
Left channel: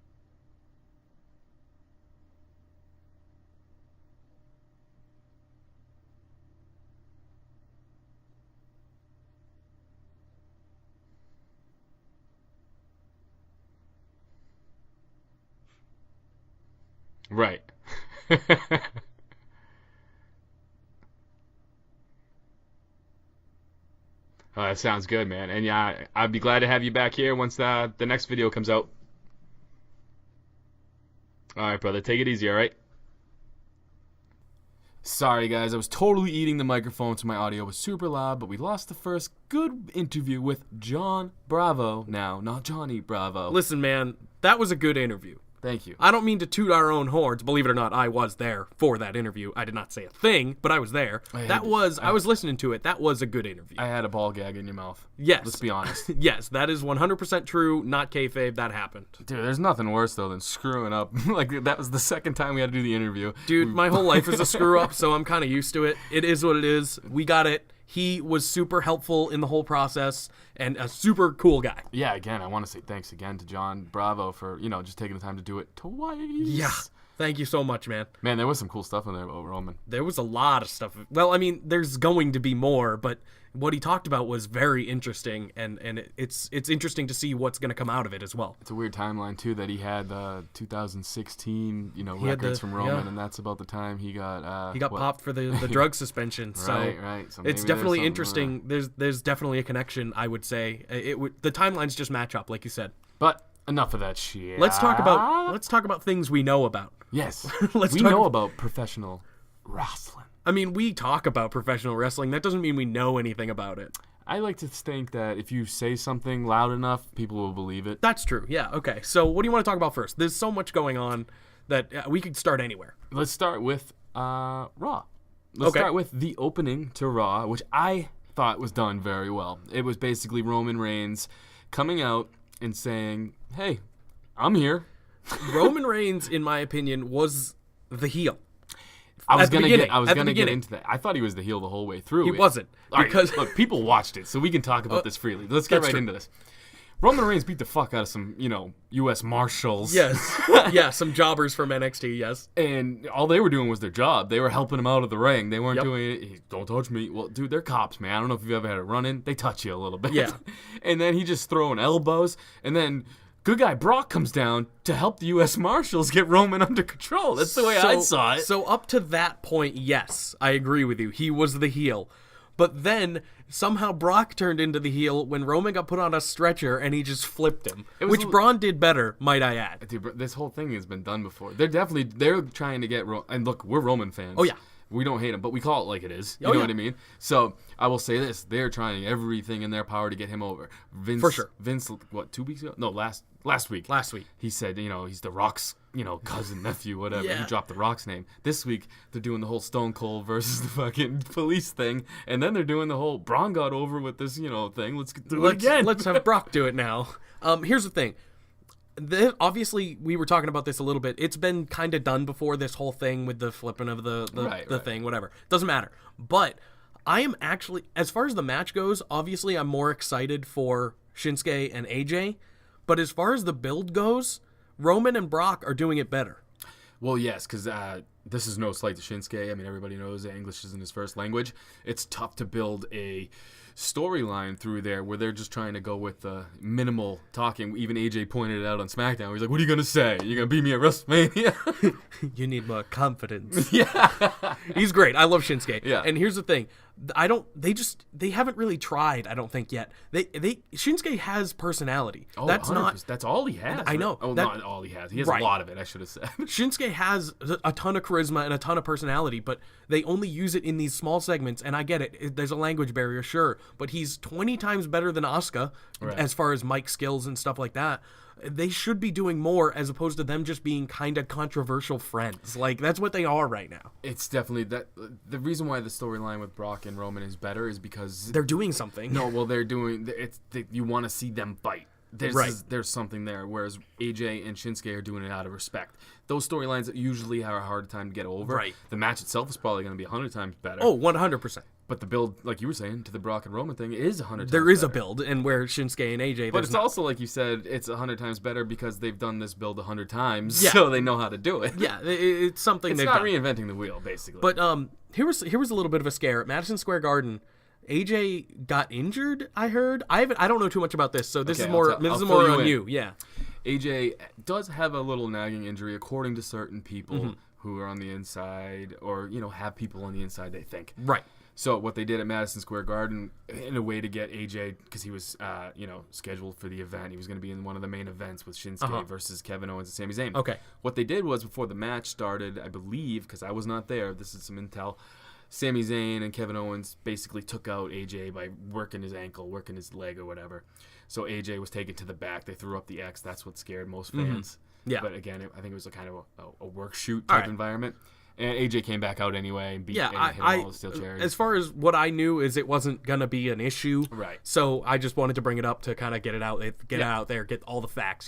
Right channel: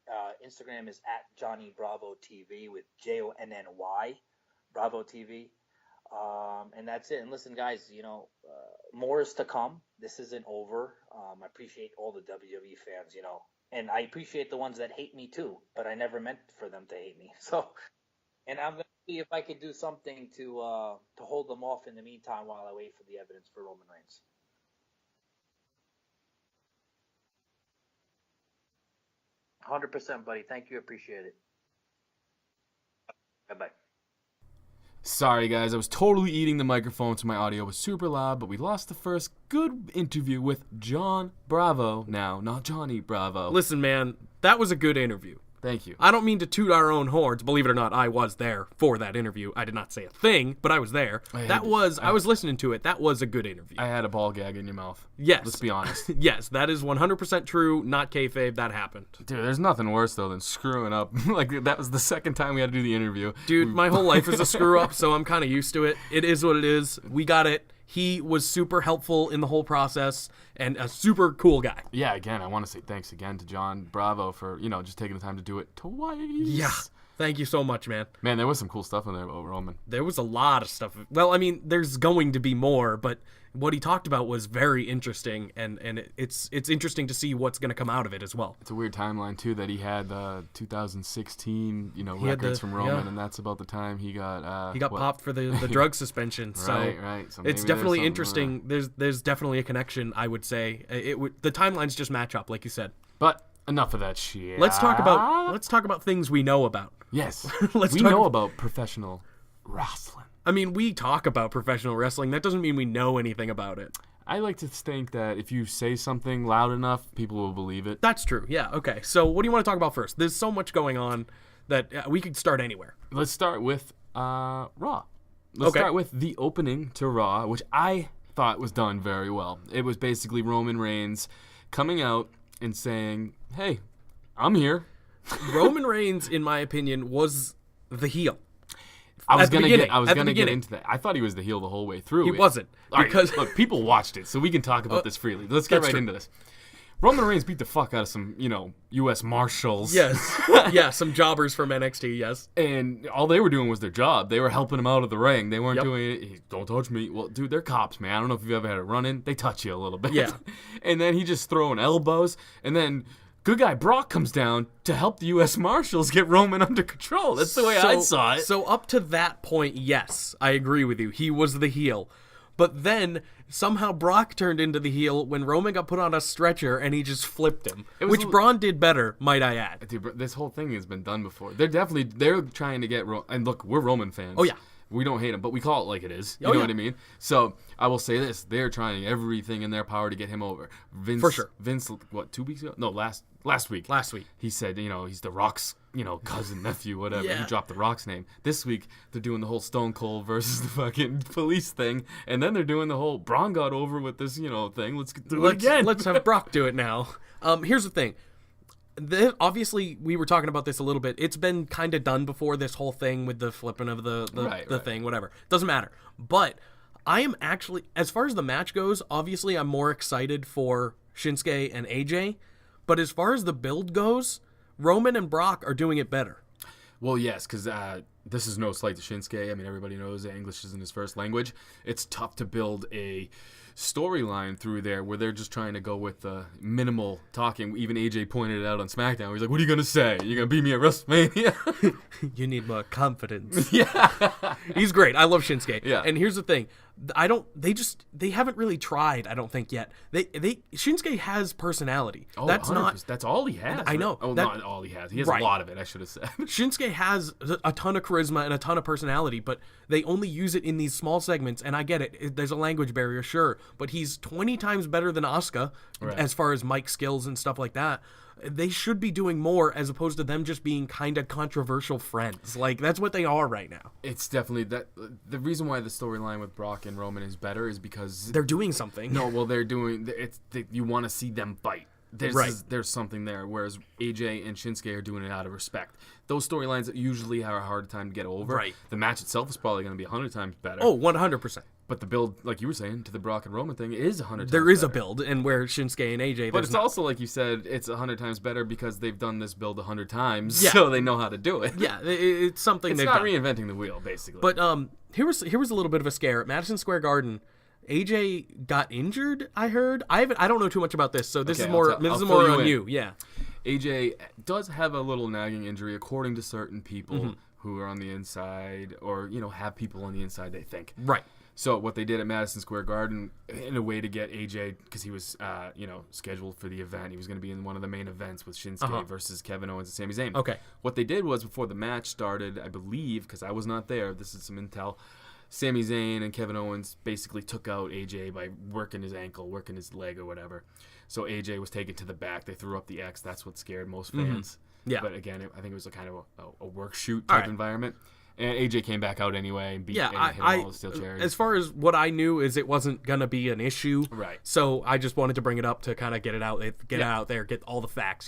Instagram is at Johnny Bravo TV with JONNY Bravo TV, and that's it. And listen, guys, you know, more is to come. This isn't over. I appreciate all the WWE fans, you know, and I appreciate the ones that hate me too. But I never meant for them to hate me. Right. So, and I'm gonna see if I could do something to hold them off in the meantime while I wait for the evidence for Roman Reigns. Oh, that sounds good, man. And yeah, I'd be glad to have you back here once the next video comes out. 100%, buddy. Thank you. Appreciate it. All right, brother. Take it easy, all right? Bye-bye. Sorry, guys. I was totally eating the microphone, so my audio was super loud, but we lost the first good interview with Jon Bravo now, not Johnny Bravo. Listen, man, that was a good interview. Thank you. I don't mean to toot our own horns. Believe it or not, I was there for that interview. I did not say a thing, but I was there. I was listening to it. That was a good interview. I had a ball gag in your mouth. Yes. Let's be honest. Yes, that is 100% true, not kayfabe. That happened. Dude, there's nothing worse, though, than screwing up. Like, that was the second time we had to do the interview. Dude, my whole life is a screw up, so I'm kind of used to it. It is what it is. We got it. He was super helpful in the whole process and a super cool guy. Yeah, again, I want to say thanks again to Jon Bravo for, you know, just taking the time to do it twice. Yeah. Thank you so much, man. Man, there was some cool stuff in there about Roman. There was a lot of stuff. Well, I mean, there's going to be more, but what he talked about was very interesting, and it's interesting to see what's going to come out of it as well. It's a weird timeline, too, that he had 2016, you know, records from Roman, and that's about the time he got... popped for the drug suspension. So right. So it's definitely interesting. There's definitely a connection, I would say. The timelines just match up, like you said. But enough of that shit. Let's talk about things we know about. Yes. We know about professional wrestling. I mean, we talk about professional wrestling. That doesn't mean we know anything about it. I like to think that if you say something loud enough, people will believe it. That's true. Yeah. Okay. So what do you want to talk about first? There's so much going on that we could start anywhere. Let's start with Raw. Let's start with the opening to Raw, which I thought was done very well. It was basically Roman Reigns coming out and saying, "Hey, I'm here." Roman Reigns, in my opinion, was the heel. I was gonna get into that. I thought he was the heel the whole way through. He wasn't, because look, people watched it, so we can talk about this freely. Let's get right into this. Roman Reigns beat the fuck out of some, U.S. Marshals. Yes. Yeah, some jobbers from NXT, yes. And all they were doing was their job. They were helping him out of the ring. They weren't Yep. doing it. Don't touch me. Well, dude, they're cops, man. I don't know if you've ever had a run-in. They touch you a little bit. Yeah. And then he just throwing elbows. And then good guy Brock comes down to help the U.S. Marshals get Roman under control. That's the way I saw it. So up to that point, yes, I agree with you. He was the heel. But then somehow Brock turned into the heel when Roman got put on a stretcher and he just flipped him. Which Braun did better, might I add. Dude, this whole thing has been done before. They're trying to get and look, we're Roman fans. Oh, yeah. We don't hate him, but we call it like it is. You Oh, know yeah. what I mean? So I will say this: they're trying everything in their power to get him over. Vince, For sure. Vince, what, 2 weeks ago? No, last week. Last week. He said, he's the Rock's, cousin, nephew, whatever. Yeah. He dropped the Rock's name. This week they're doing the whole Stone Cold versus the fucking police thing, and then they're doing the whole Braun got over with this, thing. Let's do it again. Let's have Brock do it now. Here's the thing. Obviously, we were talking about this a little bit. It's been kind of done before, this whole thing with the flipping of the Right. thing, whatever. Doesn't matter. But I am actually, as far as the match goes, obviously I'm more excited for Shinsuke and AJ. But as far as the build goes, Roman and Brock are doing it better. Well, yes, because this is no slight to Shinsuke. I mean, everybody knows that English isn't his first language. It's tough to build a storyline through there where they're just trying to go with minimal talking. Even AJ pointed it out on SmackDown. He's like, what are you going to say? You going to beat me at WrestleMania? You need more confidence. Yeah. He's great. I love Shinsuke. Yeah. And here's the thing. They haven't really tried, I don't think yet. Shinsuke has personality. Oh, That's 100%. not That's all he has. I know. Oh, That- not all he has. He has Right. a lot of it, I should have said. Shinsuke has a ton of charisma and a ton of personality, but they only use it in these small segments, and I get it. There's a language barrier, sure, but he's 20 times better than Asuka Right. as far as mic skills and stuff like that. They should be doing more as opposed to them just being kind of controversial friends. Like, that's what they are right now. It's definitely that. The reason why the storyline with Brock and Roman is better is because They're doing something. no, well, they're doing you want to see them fight. There's something there, whereas AJ and Shinsuke are doing it out of respect. Those storylines usually have a hard time to get over. Right. The match itself is probably going to be 100 times better. Oh, 100%. But the build, like you were saying, to the Brock and Roman thing is 100 times There is a better. build, and where Shinsuke and AJ, But there's it's not. also, like you said, it's 100 times better because they've done this build 100 times, Yeah. so they know how to do it. Yeah, it's something It's they've not done. reinventing the wheel, basically. But here was a little bit of a scare at Madison Square Garden. AJ got injured, I heard. I don't know too much about this, so this Okay, is more I'll this is fill more you on in. you. Yeah. AJ does have a little nagging injury, according to certain people Mm-hmm. who are on the inside, or have people on the inside. They think. Right. So what they did at Madison Square Garden, in a way to get AJ, because he was, scheduled for the event, he was going to be in one of the main events with Shinsuke versus Kevin Owens and Sami Zayn. Okay. What they did was, before the match started, I believe, because I was not there, this is some intel, Sami Zayn and Kevin Owens basically took out AJ by working his ankle, working his leg or whatever. So AJ was taken to the back. They threw up the X. That's what scared most fans. Yeah. But again, I think it was a kind of a work shoot type right. environment. And AJ came back out anyway and beat Yeah, and hit him all the steel chairs. as far as what I knew is it wasn't gonna be an issue. Right. So I just wanted to bring it up to kind of get it out there, get all the facts,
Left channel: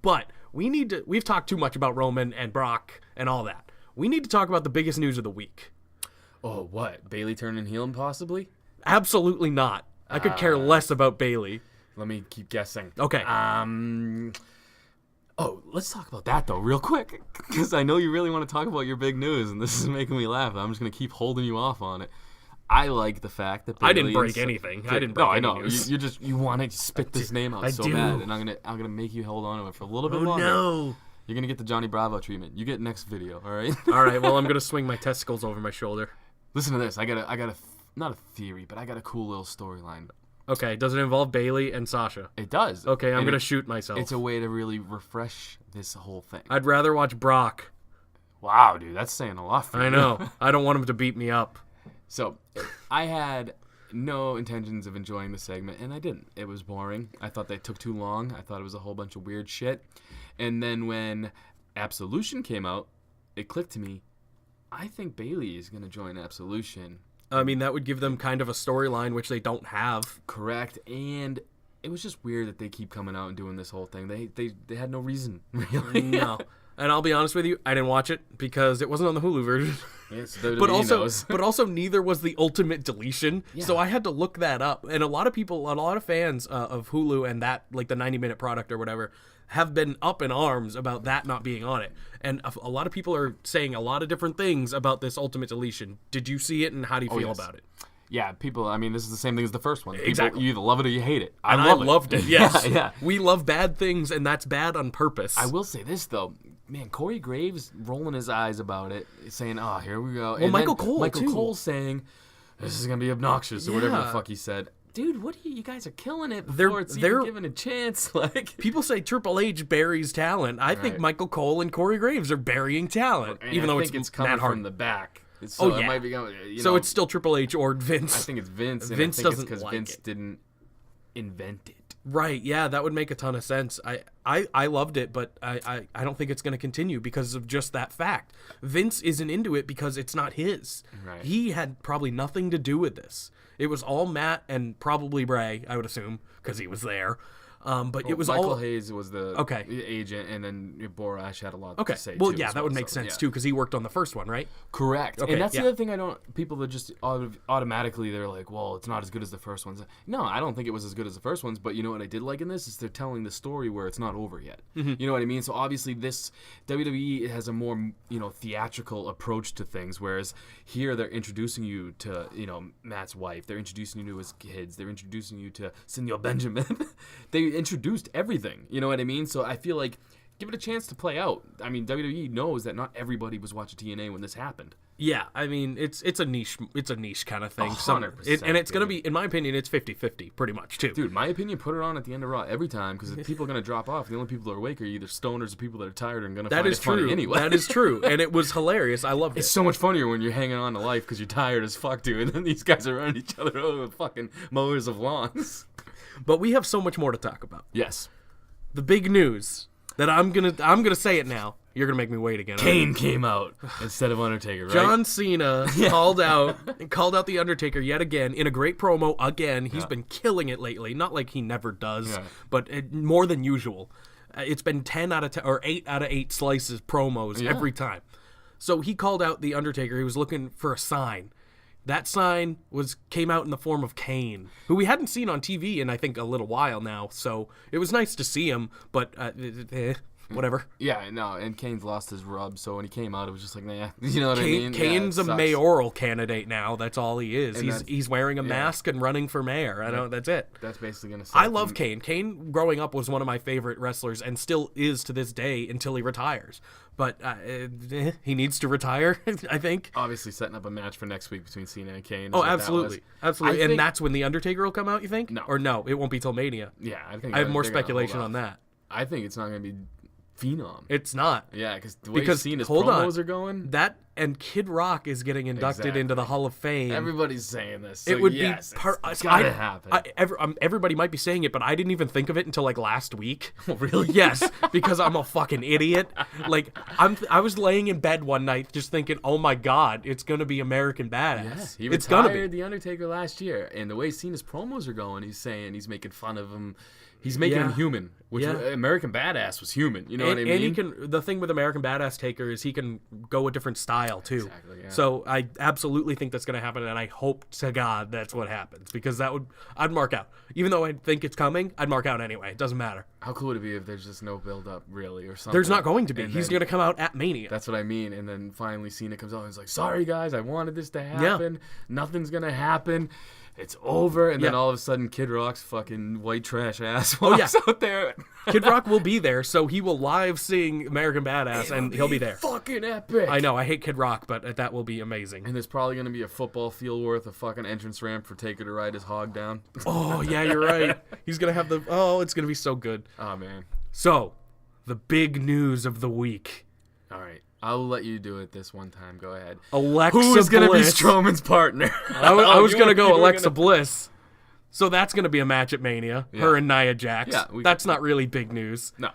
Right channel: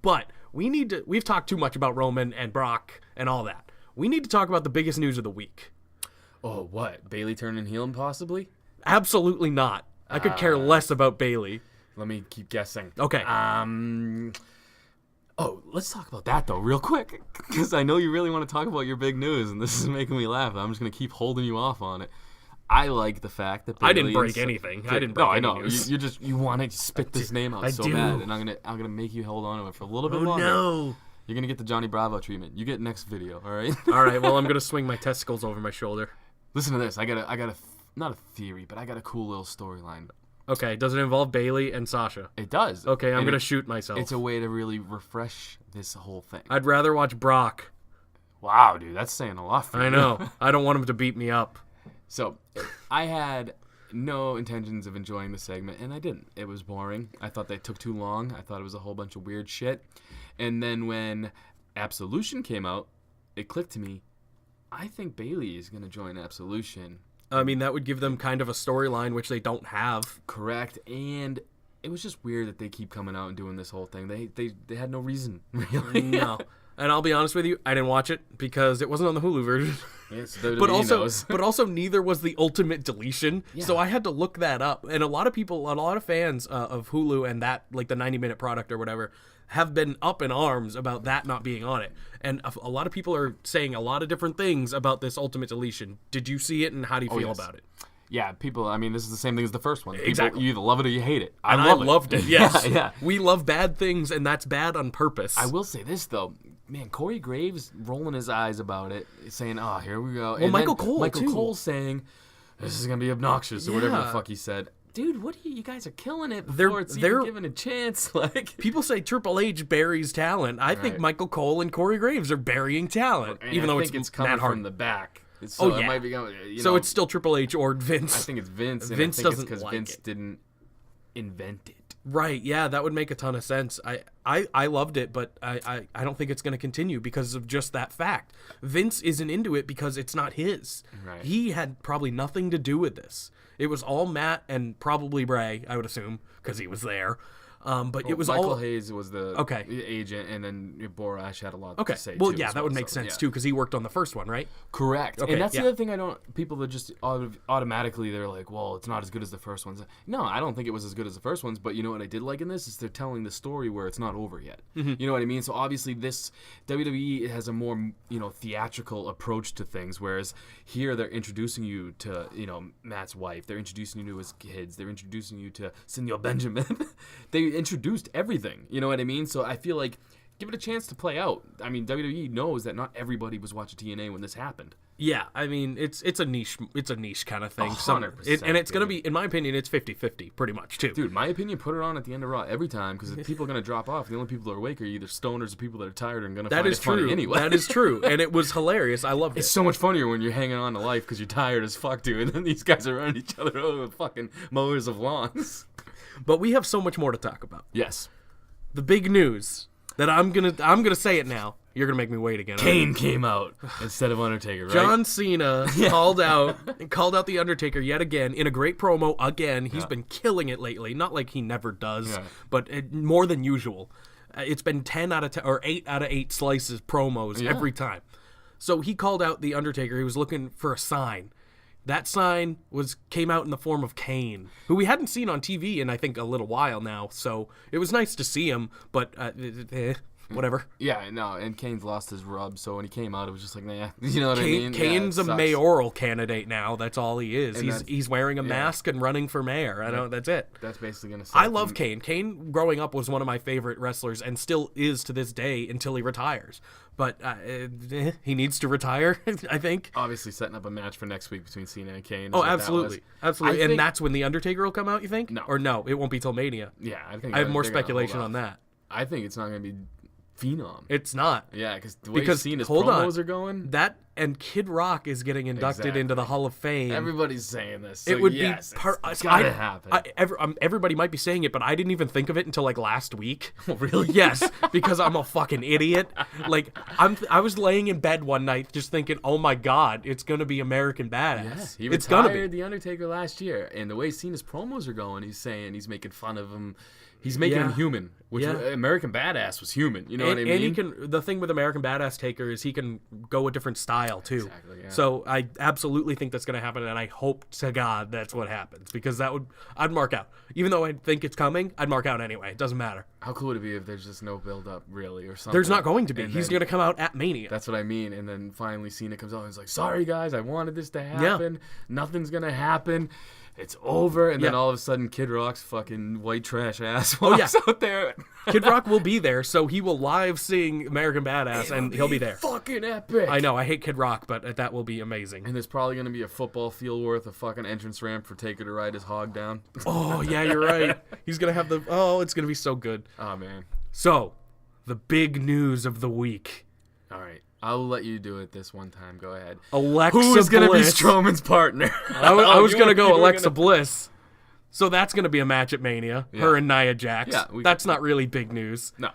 But we've talked too much about Roman and Brock and all that. We need to talk about the biggest news of the week. Oh, what? Bailey turning heel possibly? Absolutely not. I could care less about Bailey. Let me keep guessing. Okay. Oh, let's talk about that though, real quick, because I know you really want to talk about your big news, and this is making me laugh. I'm just gonna keep holding you off on it. I like the fact that Bailey I didn't break anything. I didn't break No, I any know. news. You want to spit this name out I so do. bad, and I'm gonna make you hold on to it for a little bit Oh longer. no. You're gonna get the Johnny Bravo treatment. You get next video, all right? All right. Well, I'm gonna swing my testicles over my shoulder. Listen to this. I got a not a theory, but I got a cool little storyline. Okay. Does it involve Bailey and Sasha? It does. Okay. I'm And gonna shoot myself. It's a way to really refresh this whole thing. I'd rather watch Brock. Wow, dude, that's saying a lot for you. I know. I don't want him to beat me up. So, I had no intentions of enjoying the segment, and I didn't. It was boring. I thought they took too long. I thought it was a whole bunch of weird shit. And then when Absolution came out, it clicked to me. I think Bailey is going to join Absolution. I mean, that would give them kind of a storyline, which they don't have. Correct. And it was just weird that they keep coming out and doing this whole thing. They had no reason, really. No. And I'll be honest with you, I didn't watch it because it wasn't on the Hulu version. Yes, but also neither was the Ultimate Deletion. Yeah. So I had to look that up. And a lot of fans of Hulu and that, like the 90-minute product or whatever, have been up in arms about that not being on it. And a lot of people are saying a lot of different things about this Ultimate Deletion. Did you see it, and how do you feel about it? Yeah, people, I mean, this is the same thing as the first one. People, Exactly. You either love it or you hate it. I loved it, yes. Yeah. We love bad things, and that's bad on purpose. I will say this, though. Man, Corey Graves rolling his eyes about it, saying, oh, here we go. Well, and Michael then Cole, Michael too. Cole saying, this is going to be obnoxious, or whatever the Yeah. fuck he said. Dude, what are you guys are killing it They're- before it's they're- even given a chance. Like, People say Triple H buries talent. I think Right. Michael Cole and Corey Graves are burying talent, and even I though think it's coming Matt Hardy. from the back. So Oh, it yeah. might be going, So it's still Triple H or I Vince. think it's Vince, and Vince I think doesn't it's because like Vince it. didn't invent it. Right, yeah, that would make a ton of sense. I loved it, but I don't think it's going to continue because of just that fact. Vince isn't into it because it's not his. Right. He had probably nothing to do with this. It was all Matt and probably Bray, I would assume, because he was there. But it was Michael all... Hayes was the Okay. agent, and then Borash had a lot Okay, to say, well, too, yeah, as that would well, make so, sense, yeah. too, because he worked on the first one, right? Correct. Okay, And that's yeah. the other thing people that just automatically, they're like, well, it's not as good as the first ones. No, I don't think it was as good as the first ones, but you know what I did like in this is they're telling the story where it's not over yet. Mm-hmm. You know what I mean? So obviously this WWE has a more, theatrical approach to things, whereas here they're introducing you to, Matt's wife. They're introducing you to his kids. They're introducing you to Senor Benjamin. They introduced everything. You know what I mean? So I feel like give it a chance to play out. I mean, WWE knows that not everybody was watching TNA when this happened. Yeah, I mean, it's a niche kind of thing. 100%, And it's going to dude. be, in my opinion, it's 50-50 pretty much, too. Dude, my opinion, put it on at the end of Raw every time, because if people are going to drop off, the only people that are awake are either stoners or people that are tired and going to That find is it funny true. anyway. That is true. And it was hilarious. I loved It's it. so much funnier when you're hanging on to life because you're tired as fuck, dude, and then these guys are running each other over with fucking mowers of lawns. But we have so much more to talk about. Yes. The big news that I'm gonna say it now. You're gonna make me wait again. Kane came out instead of Undertaker, right? John Cena called out the Undertaker yet again in a great promo again. He's been killing it lately. Not like he never does, Yeah. but more than usual. It's been 10 out of 10 or 8 out of 8 slices promos Yeah. every time. So he called out the Undertaker. He was looking for a sign. That sign came out in the form of Kane, who we hadn't seen on TV in I think a little while now. So it was nice to see him, but whatever. Yeah, no, and Kane's lost his rub, so when he came out, it was just like, nah. You know what I mean? Kane's Yeah, a it sucks. mayoral candidate now. That's all he is. And He's wearing a mask and running for mayor. I know that's it. That's basically going to say I love Kane. Kane, growing up, was one of my favorite wrestlers and still is to this day until he retires. But he needs to retire, I think. Obviously setting up a match for next week between Cena and Kane. is Oh, what that absolutely. was. Absolutely. I And think- that's when The Undertaker will come out, you think? No. Or no, it won't be till Mania. Yeah, I think I have more they're gonna speculation hold on off. that. I think it's not going to be Phenom. It's not. Yeah, because the way Because, Cena's hold on. promos are going, That and Kid Rock is getting inducted into the Hall of Fame. everybody's saying this. So It would yes, be part. it's gotta happen. Everybody might be saying it, but I didn't even think of it until like last week. Oh, really? Yes, because I'm a fucking idiot. Like I was laying in bed one night just thinking, oh my god, it's gonna be American Badass. Yeah, he it's gonna retired be. The Undertaker last year, and the way Cena's promos are going, he's saying he's making fun of him. He's making him human, which Yeah. American Badass was human. You know what I mean? And he can. The thing with American Badass Taker is he can go a different style too. Exactly, yeah. So I absolutely think that's going to happen, and I hope to God that's what happens because I'd mark out. Even though I think it's coming, I'd mark out anyway. It doesn't matter. How cool would it be if there's just no build up, really, or something? There's not going to be. And He's then- going to come out at Mania. That's what I mean. And then finally Cena comes out and he's like, sorry, guys, I wanted this to happen. Nothing's going to happen. It's over. And then Yeah. all of a sudden, Kid Rock's fucking white trash ass walks out there. Kid Rock will be there, so he will live sing American Badass, and he'll be there. Fucking epic. I know, I hate Kid Rock, but that will be amazing. And there's probably going to be a football field worth of fucking entrance ramp for Taker to ride his hog down. Oh, yeah, you're right. He's going to have it's going to be so good. Oh, man. So, the big news of the week. All right. I'll let you do it this one time. Go ahead. Alexa Who's going to be Bliss. Strowman's partner? I was going to go you were Alexa gonna- Bliss. So that's going to be a match at Mania. Her and Nia Jax. Yeah, That's not really big news. No.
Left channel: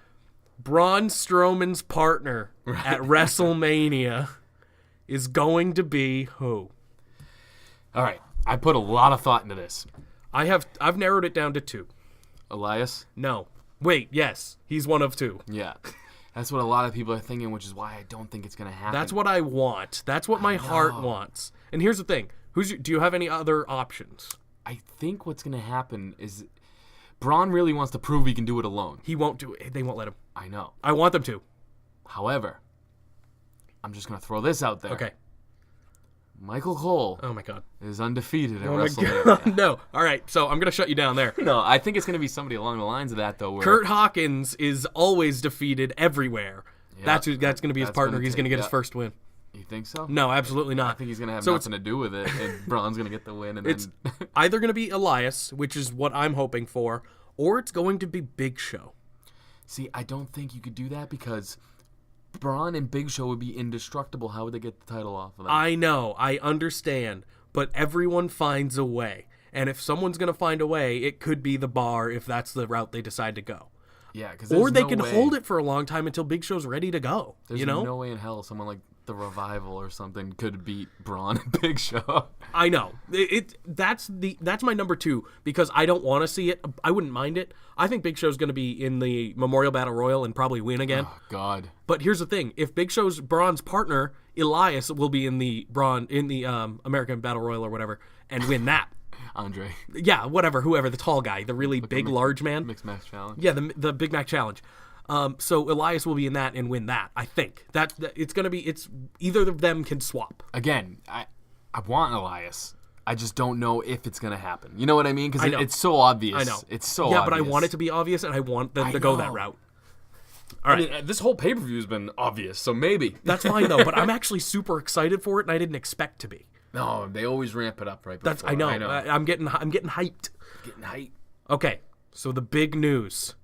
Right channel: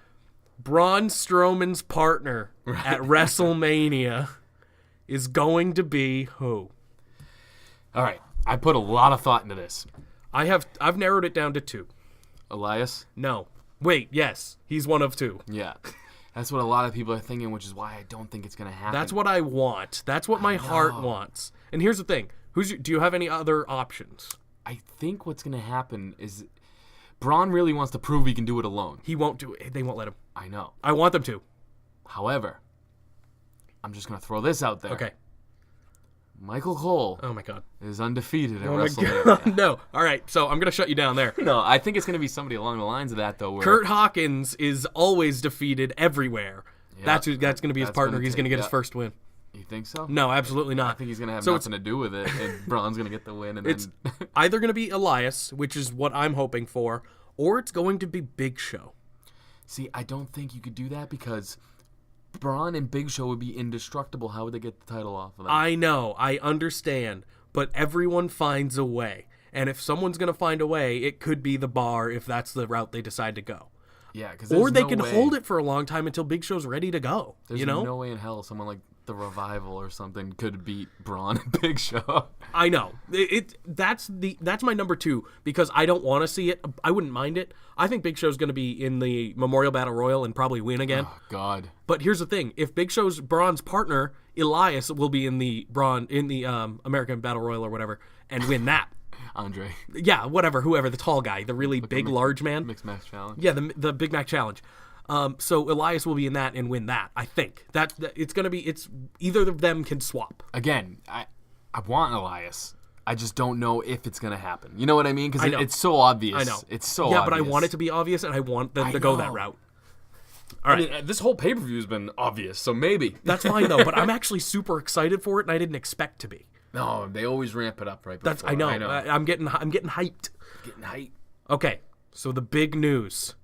Braun Strowman's partner at WrestleMania is going to be who? All right. I put a lot of thought into this. I've narrowed it down to 2. Elias? No. Wait, yes. He's one of 2. Yeah. That's what a lot of people are thinking, which is why I don't think it's going to happen. That's what I want. That's what my heart wants. And here's the thing. Do you have any other options? I think what's going to happen is Braun really wants to prove he can do it alone. He won't do it. They won't let him. I know. I want them to. However, I'm just going to throw this out there. Okay. Michael Cole Oh, my God. is undefeated at Oh, my WrestleMania. God. No. All right. So I'm going to shut you down there. No, I think it's going to be somebody along the lines of that, though. Where Kurt Hawkins is always defeated everywhere. Yeah, That's going to be his that's partner. gonna He's going to take- get his yeah. first win. You think so? No, absolutely I not. think he's going to have So nothing to do with it, and Braun's going to get the win. And It's then either going to be Elias, which is what I'm hoping for, or it's going to be Big Show. See, I don't think you could do that because Braun and Big Show would be indestructible. How would they get the title off of them? I know, I understand, but everyone finds a way. And if someone's going to find a way, it could be the Bar if that's the route they decide to go. Yeah, because Or they can hold it for a long time until Big Show's ready to go. There's you know? no way in hell someone like the Revival or something could beat Braun and Big Show. I know. That's my number 2 because I don't want to see it. I wouldn't mind it. I think Big Show's going to be in the Memorial Battle Royal and probably win again. Oh, God. But here's the thing: if Big Show's Braun's partner Elias will be in the American Battle Royal or whatever and win that. Andre. Yeah, whatever, whoever, the tall guy, the really big, large man. Mixed Match Challenge. Yeah, the Big Mac Challenge. So Elias will be in that and win that. I think that it's gonna be. It's either of them can swap. Again, I want Elias. I just don't know if it's gonna happen. You know what I mean? Because know. it's so obvious. I know. It's so yeah, obvious. but I want it to be obvious, and I want them I to go that know. route. All right, I mean, this whole pay-per-view has been obvious, so maybe. that's fine though. But I'm actually super excited for it, and I didn't expect to be. No, they always ramp it up right before. That's I know. I'm getting hyped. Getting hype. Okay, so the big news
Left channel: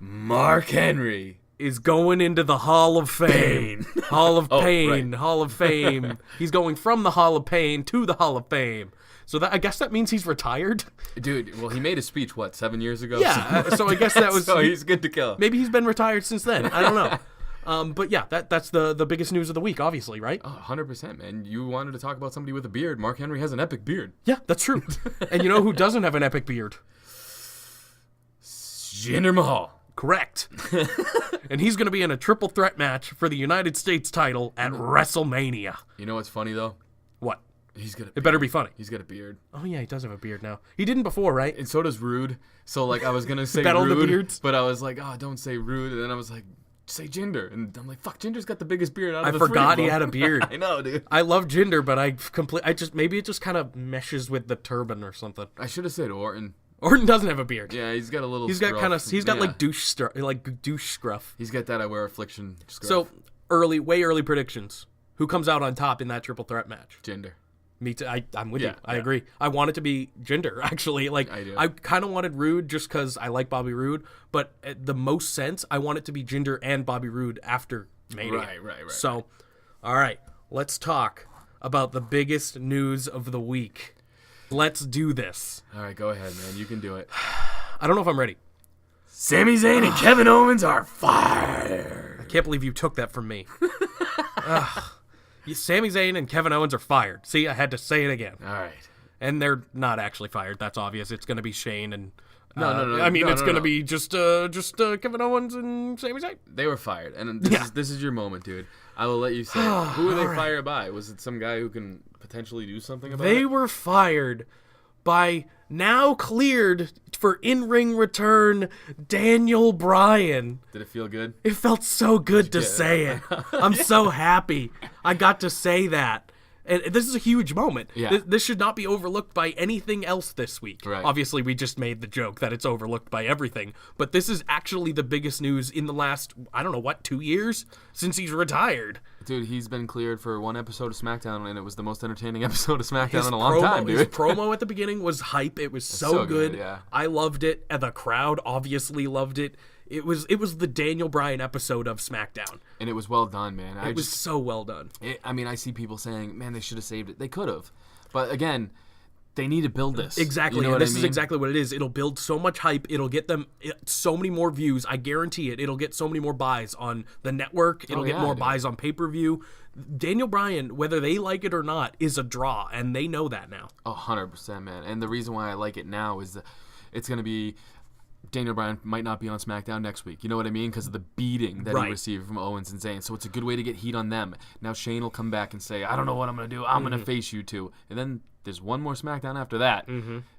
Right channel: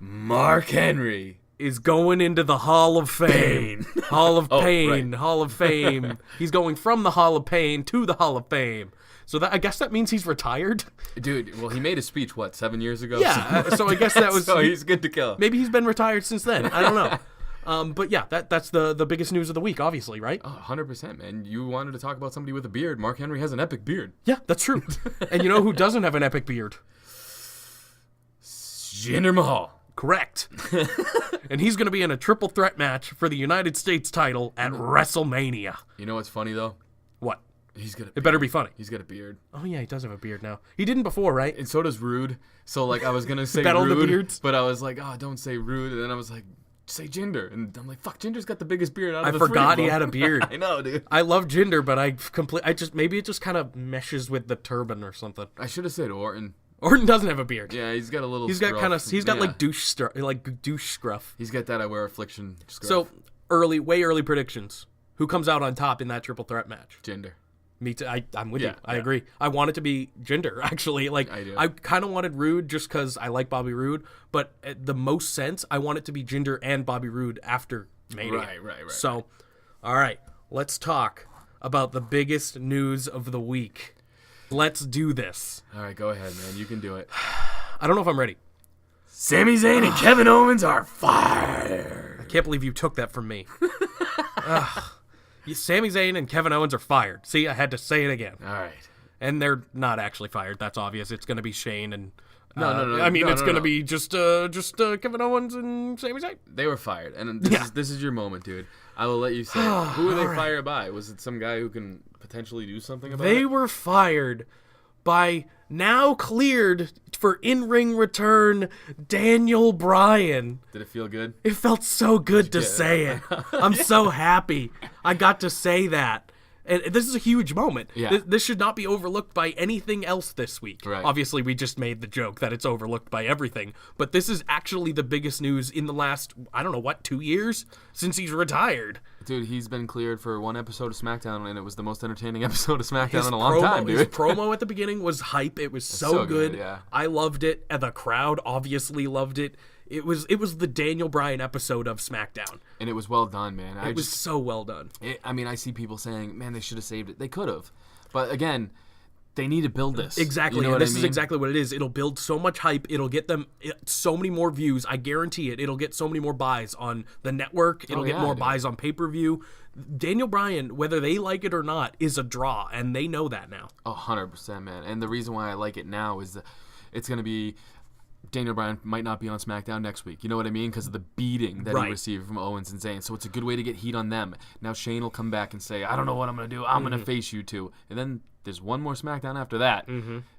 Mark Henry. is going into the Hall of Fame. Hall of Pain. right. Hall of Fame. He's going from the Hall of Pain to the Hall of Fame. So I guess that means he's retired. Dude, well, he made a speech, 7 years ago? Yeah, so I guess that was... So he's good to go. Maybe he's been retired since then. I don't know. But yeah, that's the biggest news of the week, obviously, right? Oh, 100%, man. You wanted to talk about somebody with a beard. Mark Henry has an epic beard. Yeah, that's true. And you know who doesn't have an epic beard? Jinder Mahal. Correct. And he's going to be in a triple threat match for the United States title at WrestleMania. You know what's funny, though? What? He's got a beard. It better be funny. He's got a beard. Oh, yeah, he does have a beard now. He didn't before, right? And so does Rude. So, like, I was going to say Battle of the Rude, Beards? but I was like, oh, don't say Rude. And then I was like, say Jinder. And I'm like, fuck, Jinder's got the biggest beard out of I the forgot three he of had a them. beard. I know, dude. I love Jinder, but maybe it just kind of meshes with the turban or something. I should have said Orton. Orton doesn't have a beard. Yeah, he's got a little He's got scruff. like douche scruff. He's got that I wear affliction scruff. So way early predictions. Who comes out on top in that triple threat match? Jinder. Me too. I'm with Yeah, you. I yeah. agree. I want it to be Jinder, actually. Like, I do. I kind of wanted Rude just because I like Bobby Roode, but at the most sense, I want it to be Jinder and Bobby Roode after Mania. Right. So, all right, let's talk about the biggest news of the week. Let's do this. All right, go ahead, man. You can do it. I don't know if I'm ready. Sami Zayn and Kevin Owens are fired. I can't believe you took that from me. Sami Zayn and Kevin Owens are fired. See, I had to say it again. All right. And they're not actually fired. That's obvious. It's going to be Shane and... No. I mean, No, it's no, going to no. be just Kevin Owens and Sami Zayn. They were fired, and Yeah. this is your moment, dude. I will let you say. Who were they fired by? Was it some guy who can potentially do something about They it? were fired by now cleared for in-ring return Daniel Bryan. Did it feel good? It felt so good to say it. I'm so happy I got to say that. And this is a huge moment. Yeah. This should not be overlooked by anything else this week. Right. Obviously, we just made the joke that it's overlooked by everything. But this is actually the biggest news in the last, 2 years since he's retired. Dude, he's been cleared for one episode of SmackDown, and it was the most entertaining episode of SmackDown in a long time, His dude. promo at the beginning was hype. It was so so good. good, yeah. I loved it. And the crowd obviously loved it. It was the Daniel Bryan episode of SmackDown. And it was well done, man. It was so well done. I see people saying, man, they should have saved it. They could have. But again, they need to build this. Exactly. You know And what this I is mean? exactly what it is. It'll build so much hype. It'll get them so many more views. I guarantee it. It'll get so many more buys on the network. It'll get more dude. buys on pay-per-view. Daniel Bryan, whether they like it or not, is a draw, and they know that now. 100%, man. And the reason why I like it now is that it's going to be Daniel Bryan might not be on SmackDown next week. You know what I mean? Because of the beating that he received from Owens and Zayn. So it's a good way to get heat on them. Now Shane will come back and say, I don't know what I'm going to do. I'm going to face you two. And then there's one more SmackDown after that.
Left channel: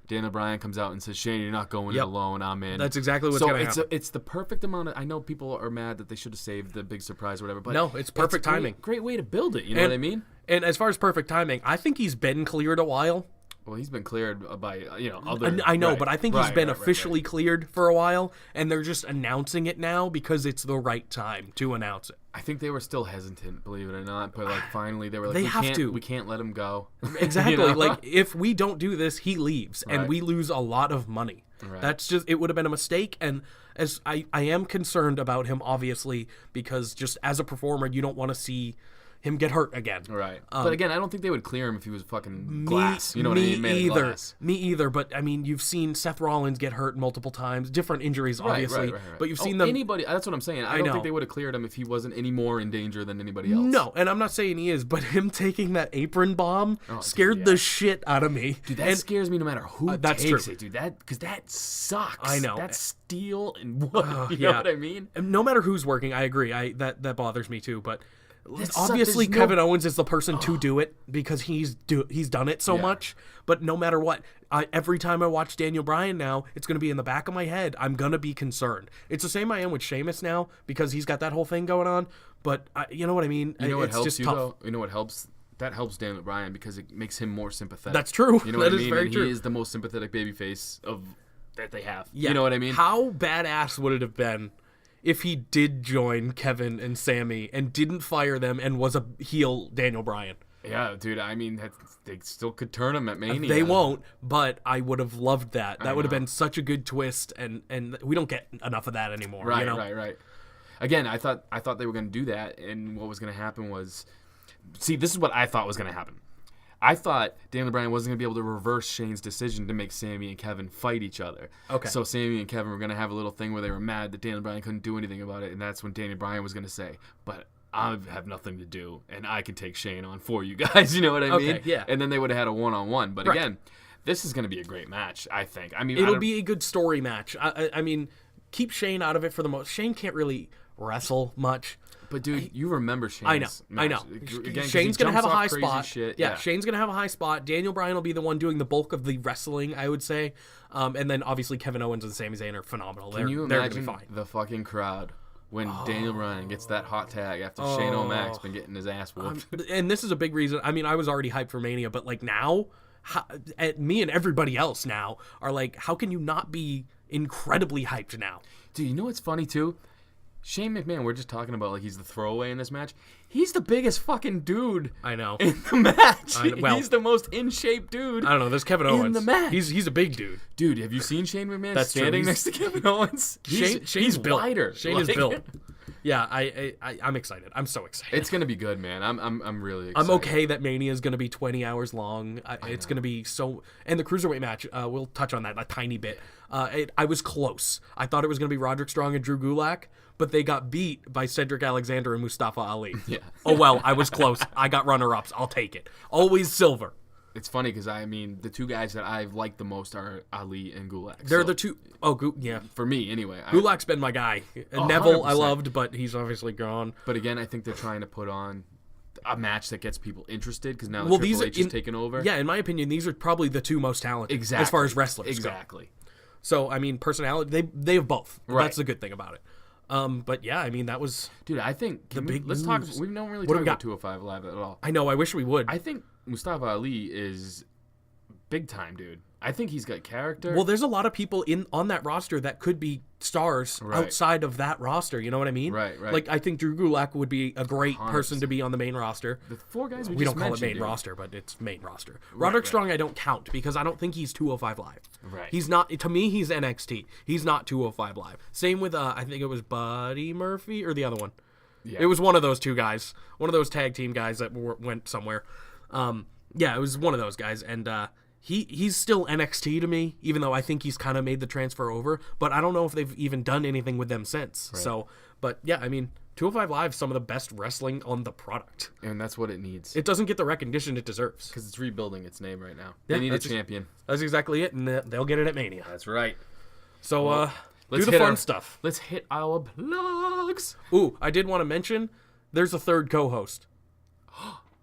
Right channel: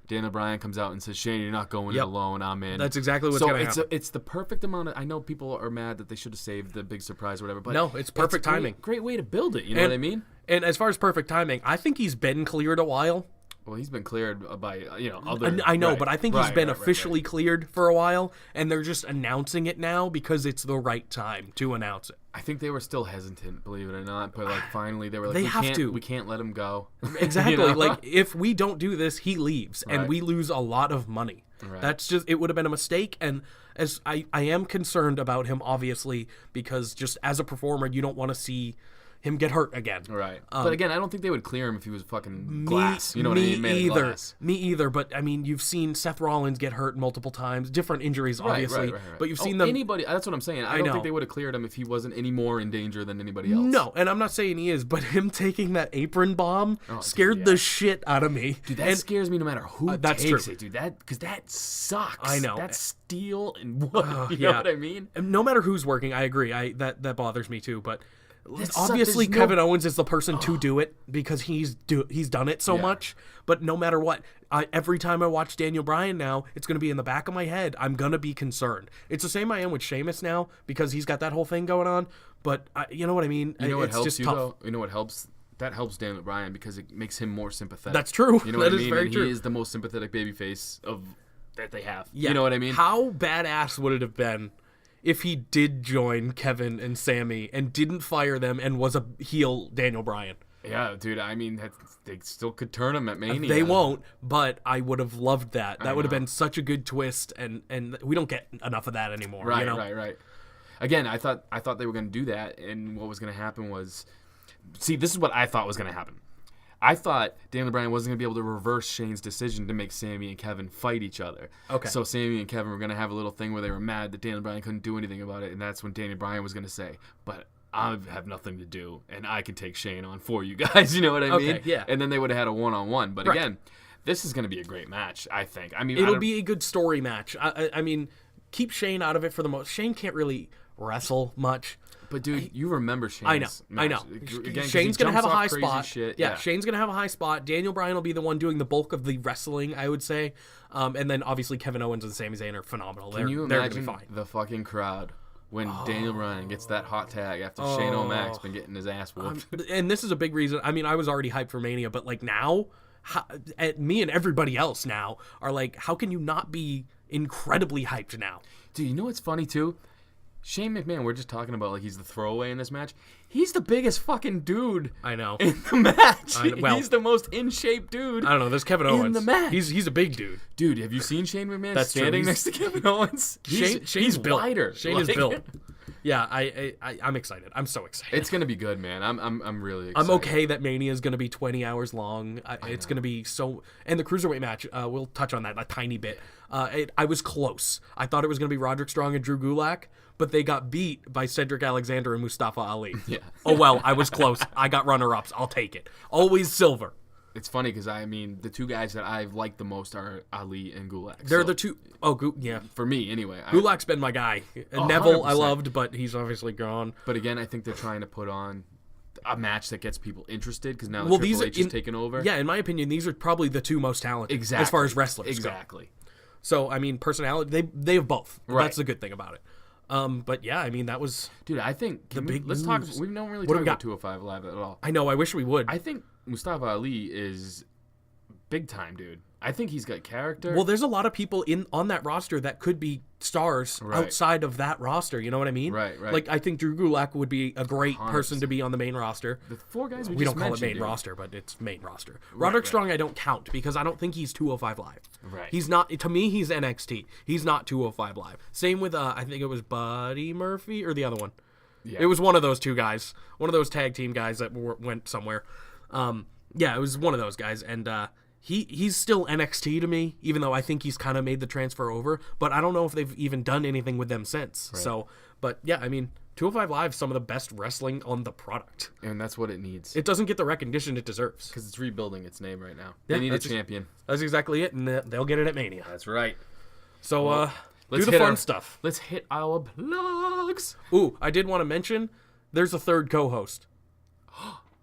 Daniel Bryan comes out and says, Shane, you're not going in alone. I'm in. That's exactly what's going to happen. It's the perfect amount of... I know people are mad that they should have saved the big surprise or whatever. But no, it's perfect timing. Great way to build it. You know what I mean? And as far as perfect timing, I think he's been cleared a while. Well, he's been cleared by, other... I know, but I think he's been officially cleared for a while, and they're just announcing it now because it's the right time to announce it. I think they were still hesitant, believe it or not, but finally they were like, we can't let him go. Exactly. Like, if we don't do this, he leaves, and we lose a lot of money. Right. That's just, it would have been a mistake, and as I am concerned about him, obviously, because just as a performer, you don't want to see him get hurt again. Right. But again, I don't think they would clear him if he was fucking glass. You know what I mean? Made either. Glass. Me either. But I mean, you've seen Seth Rollins get hurt multiple times, different injuries, obviously. Right. But you've seen them. Anybody. That's what I'm saying. I don't think they would have cleared him if he wasn't any more in danger than anybody else. No, and I'm not saying he is, but him taking that apron bomb scared the shit out of me. Dude, that scares me no matter who takes true. it, dude. Because that sucks. I know. That's steel and wood. You know what I mean? And no matter who's working, I agree. That bothers me too. But obviously, Kevin Owens is the person to do it because he's done it so much. But no matter what, every time I watch Daniel Bryan now, it's going to be in the back of my head. I'm going to be concerned. It's the same I am with Sheamus now because he's got that whole thing going on. But you know what I mean? You know what it's helps just you, tough. though? You know what helps? That helps Daniel Bryan because it makes him more sympathetic. That's true. You know that what I is mean? very and true. He is the most sympathetic babyface that they have. Yeah. You know what I mean? How badass would it have been if he did join Kevin and Sammy and didn't fire them and was a heel Daniel Bryan? Yeah, dude. I mean, they still could turn him at Mania. They won't, but I would have loved that. That would have been such a good twist, and we don't get enough of that anymore. Right, you know? right. Again, I thought they were going to do that, and what was going to happen was... See, this is what I thought was going to happen. I thought Daniel Bryan wasn't going to be able to reverse Shane's decision to make Sammy and Kevin fight each other. Okay. So Sammy and Kevin were going to have a little thing where they were mad that Daniel Bryan couldn't do anything about it, and that's when Daniel Bryan was going to say, but I have nothing to do, and I can take Shane on for you guys. You know what I mean? Yeah. And then they would have had a one-on-one. But again, this is going to be a great match, I think. I mean, it'll be a good story match. I mean, keep Shane out of it for the most. Shane can't really wrestle much. But dude, you remember Shane's I know. match. Again, Shane's gonna have a high spot. Shit. Yeah, Shane's gonna have a high spot. Daniel Bryan will be the one doing the bulk of the wrestling, I would say. And then obviously Kevin Owens and Sami Zayn are phenomenal. Can you they're imagine gonna be fine. the fucking crowd when Daniel Bryan gets that hot tag after Shane O'Mac's been getting his ass whooped? And this is a big reason. I mean, I was already hyped for Mania, but like now, me and everybody else now are like, how can you not be incredibly hyped now? Dude, you know what's funny too? Shane McMahon, we're just talking about like he's the throwaway in this match. He's the biggest fucking dude. I know. In the match. Well, he's the most in shape dude. I don't know. There's Kevin Owens in the match. He's a big dude. Dude, have you seen Shane McMahon That's standing true. next to Kevin Owens? Shane's built. wider. Shane is built. Yeah, I'm excited. I'm so excited. It's gonna be good, man. I'm really excited. I'm okay that Mania is going to be 20 hours long. It's going to be so... And the Cruiserweight match, we'll touch on that a tiny bit. I was close. I thought it was going to be Roderick Strong and Drew Gulak, but they got beat by Cedric Alexander and Mustafa Ali. Yeah. Oh, well, I was close. I got runner-ups. I'll take it. Always silver. It's funny because, I mean, the two guys that I've liked the most are Ali and Gulak. They're the two... Oh, yeah. For me, anyway. Gulak's been my guy. Neville, 100%. I loved, but he's obviously gone. But again, I think they're trying to put on a match that gets people interested because now Triple H is taking over. Yeah, in my opinion, these are probably the two most talented as far as wrestlers Exactly. go. So, I mean, personality, they have both. Right. That's the good thing about it. But yeah, I mean, that was... Dude, I think let's talk. We don't really talk about 205 Live at all. I know. I wish we would. I think Mustafa Ali is big time, dude. I think he's got character. Well, there's a lot of people on that roster that could be stars outside of that roster. You know what I mean? Right. Like, I think Drew Gulak would be a great person to be on the main roster. The four guys we don't call it main roster, but it's main roster. Roderick Strong, I don't count because I don't think he's 205 Live. Right. He's not. To me, he's NXT. He's not 205 Live. Same with I think it was Buddy Murphy or the other one. Yeah. It was one of those two guys. One of those tag team guys that went somewhere. Yeah, it was one of those guys, and he's still NXT to me, even though I think he's kind of made the transfer over. But I don't know if they've even done anything with them since. Right. So, but yeah, I mean, 205 Live is some of the best wrestling on the product. And that's what it needs. It doesn't get the recognition it deserves. Because it's rebuilding its name right now. Yeah, they need a champion. That's exactly it, and they'll get it at Mania. That's right. So, let's Do the hit fun stuff. Let's hit our plugs. Ooh, I did want to mention, there's a third co-host.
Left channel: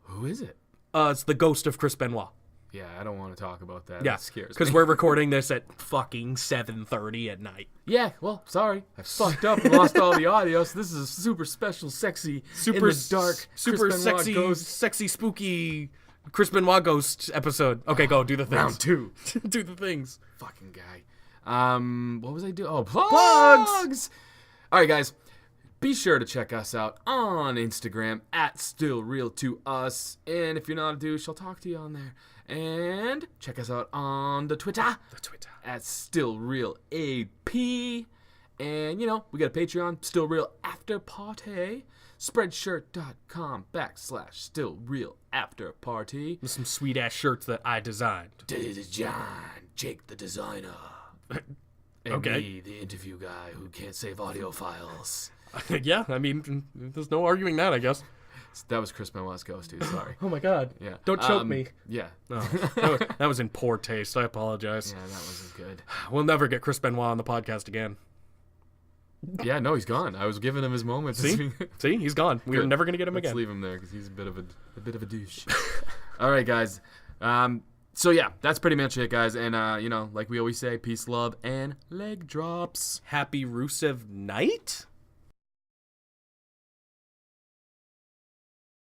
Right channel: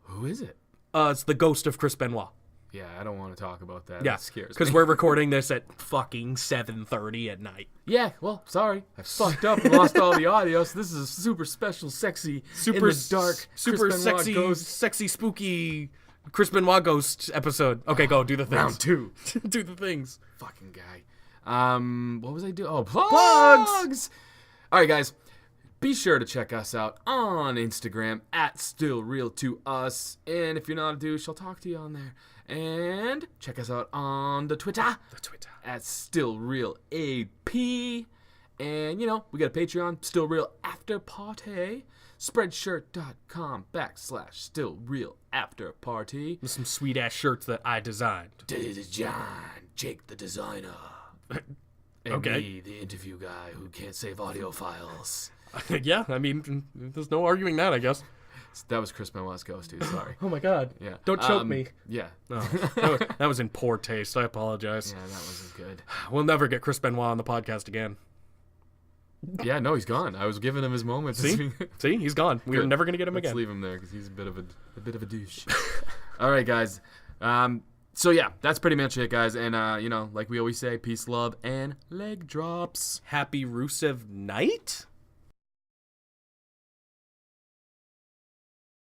Who is it? It's the ghost of Chris Benoit. Yeah, I don't want to talk about that. Yeah, That scares because me. we're recording this at fucking 7:30 at night. Yeah, well, sorry. I fucked up and lost all the audio, so this is a super special, sexy, Super in the dark, super Chris Benoit sexy, ghost. sexy, spooky Chris Benoit ghost episode. Okay, go do the things. Round 2. Do the things. Fucking guy. What was I doing? Oh, plugs! All right, guys. Be sure to check us out on Instagram at StillReal2Us. And if you're not a douche, I'll talk to you on there. And check us out on the TWITTAH. At StillRealAP. And, we got a Patreon, Still Real After Party. Spreadshirt.com/StillRealAfterParty. With some sweet ass shirts that I designed. John, Jake the designer. And Okay. me, the interview guy who can't save audio files. Yeah, I mean, there's no arguing that, I guess. That was Chris Benoit's ghost, dude. Sorry. Oh my god. Yeah. Don't choke me. Yeah. Oh, that was in poor taste. I apologize. Yeah, that wasn't good. We'll never get Chris Benoit on the podcast again. Yeah, no, he's gone. I was giving him his moments. See? See? He's gone. We're Good. never going to get him Let's again. leave him there because he's a bit of a douche. All right, guys. So yeah, that's pretty much it, guys. And like we always say, peace, love, and leg drops. Happy Rusev night?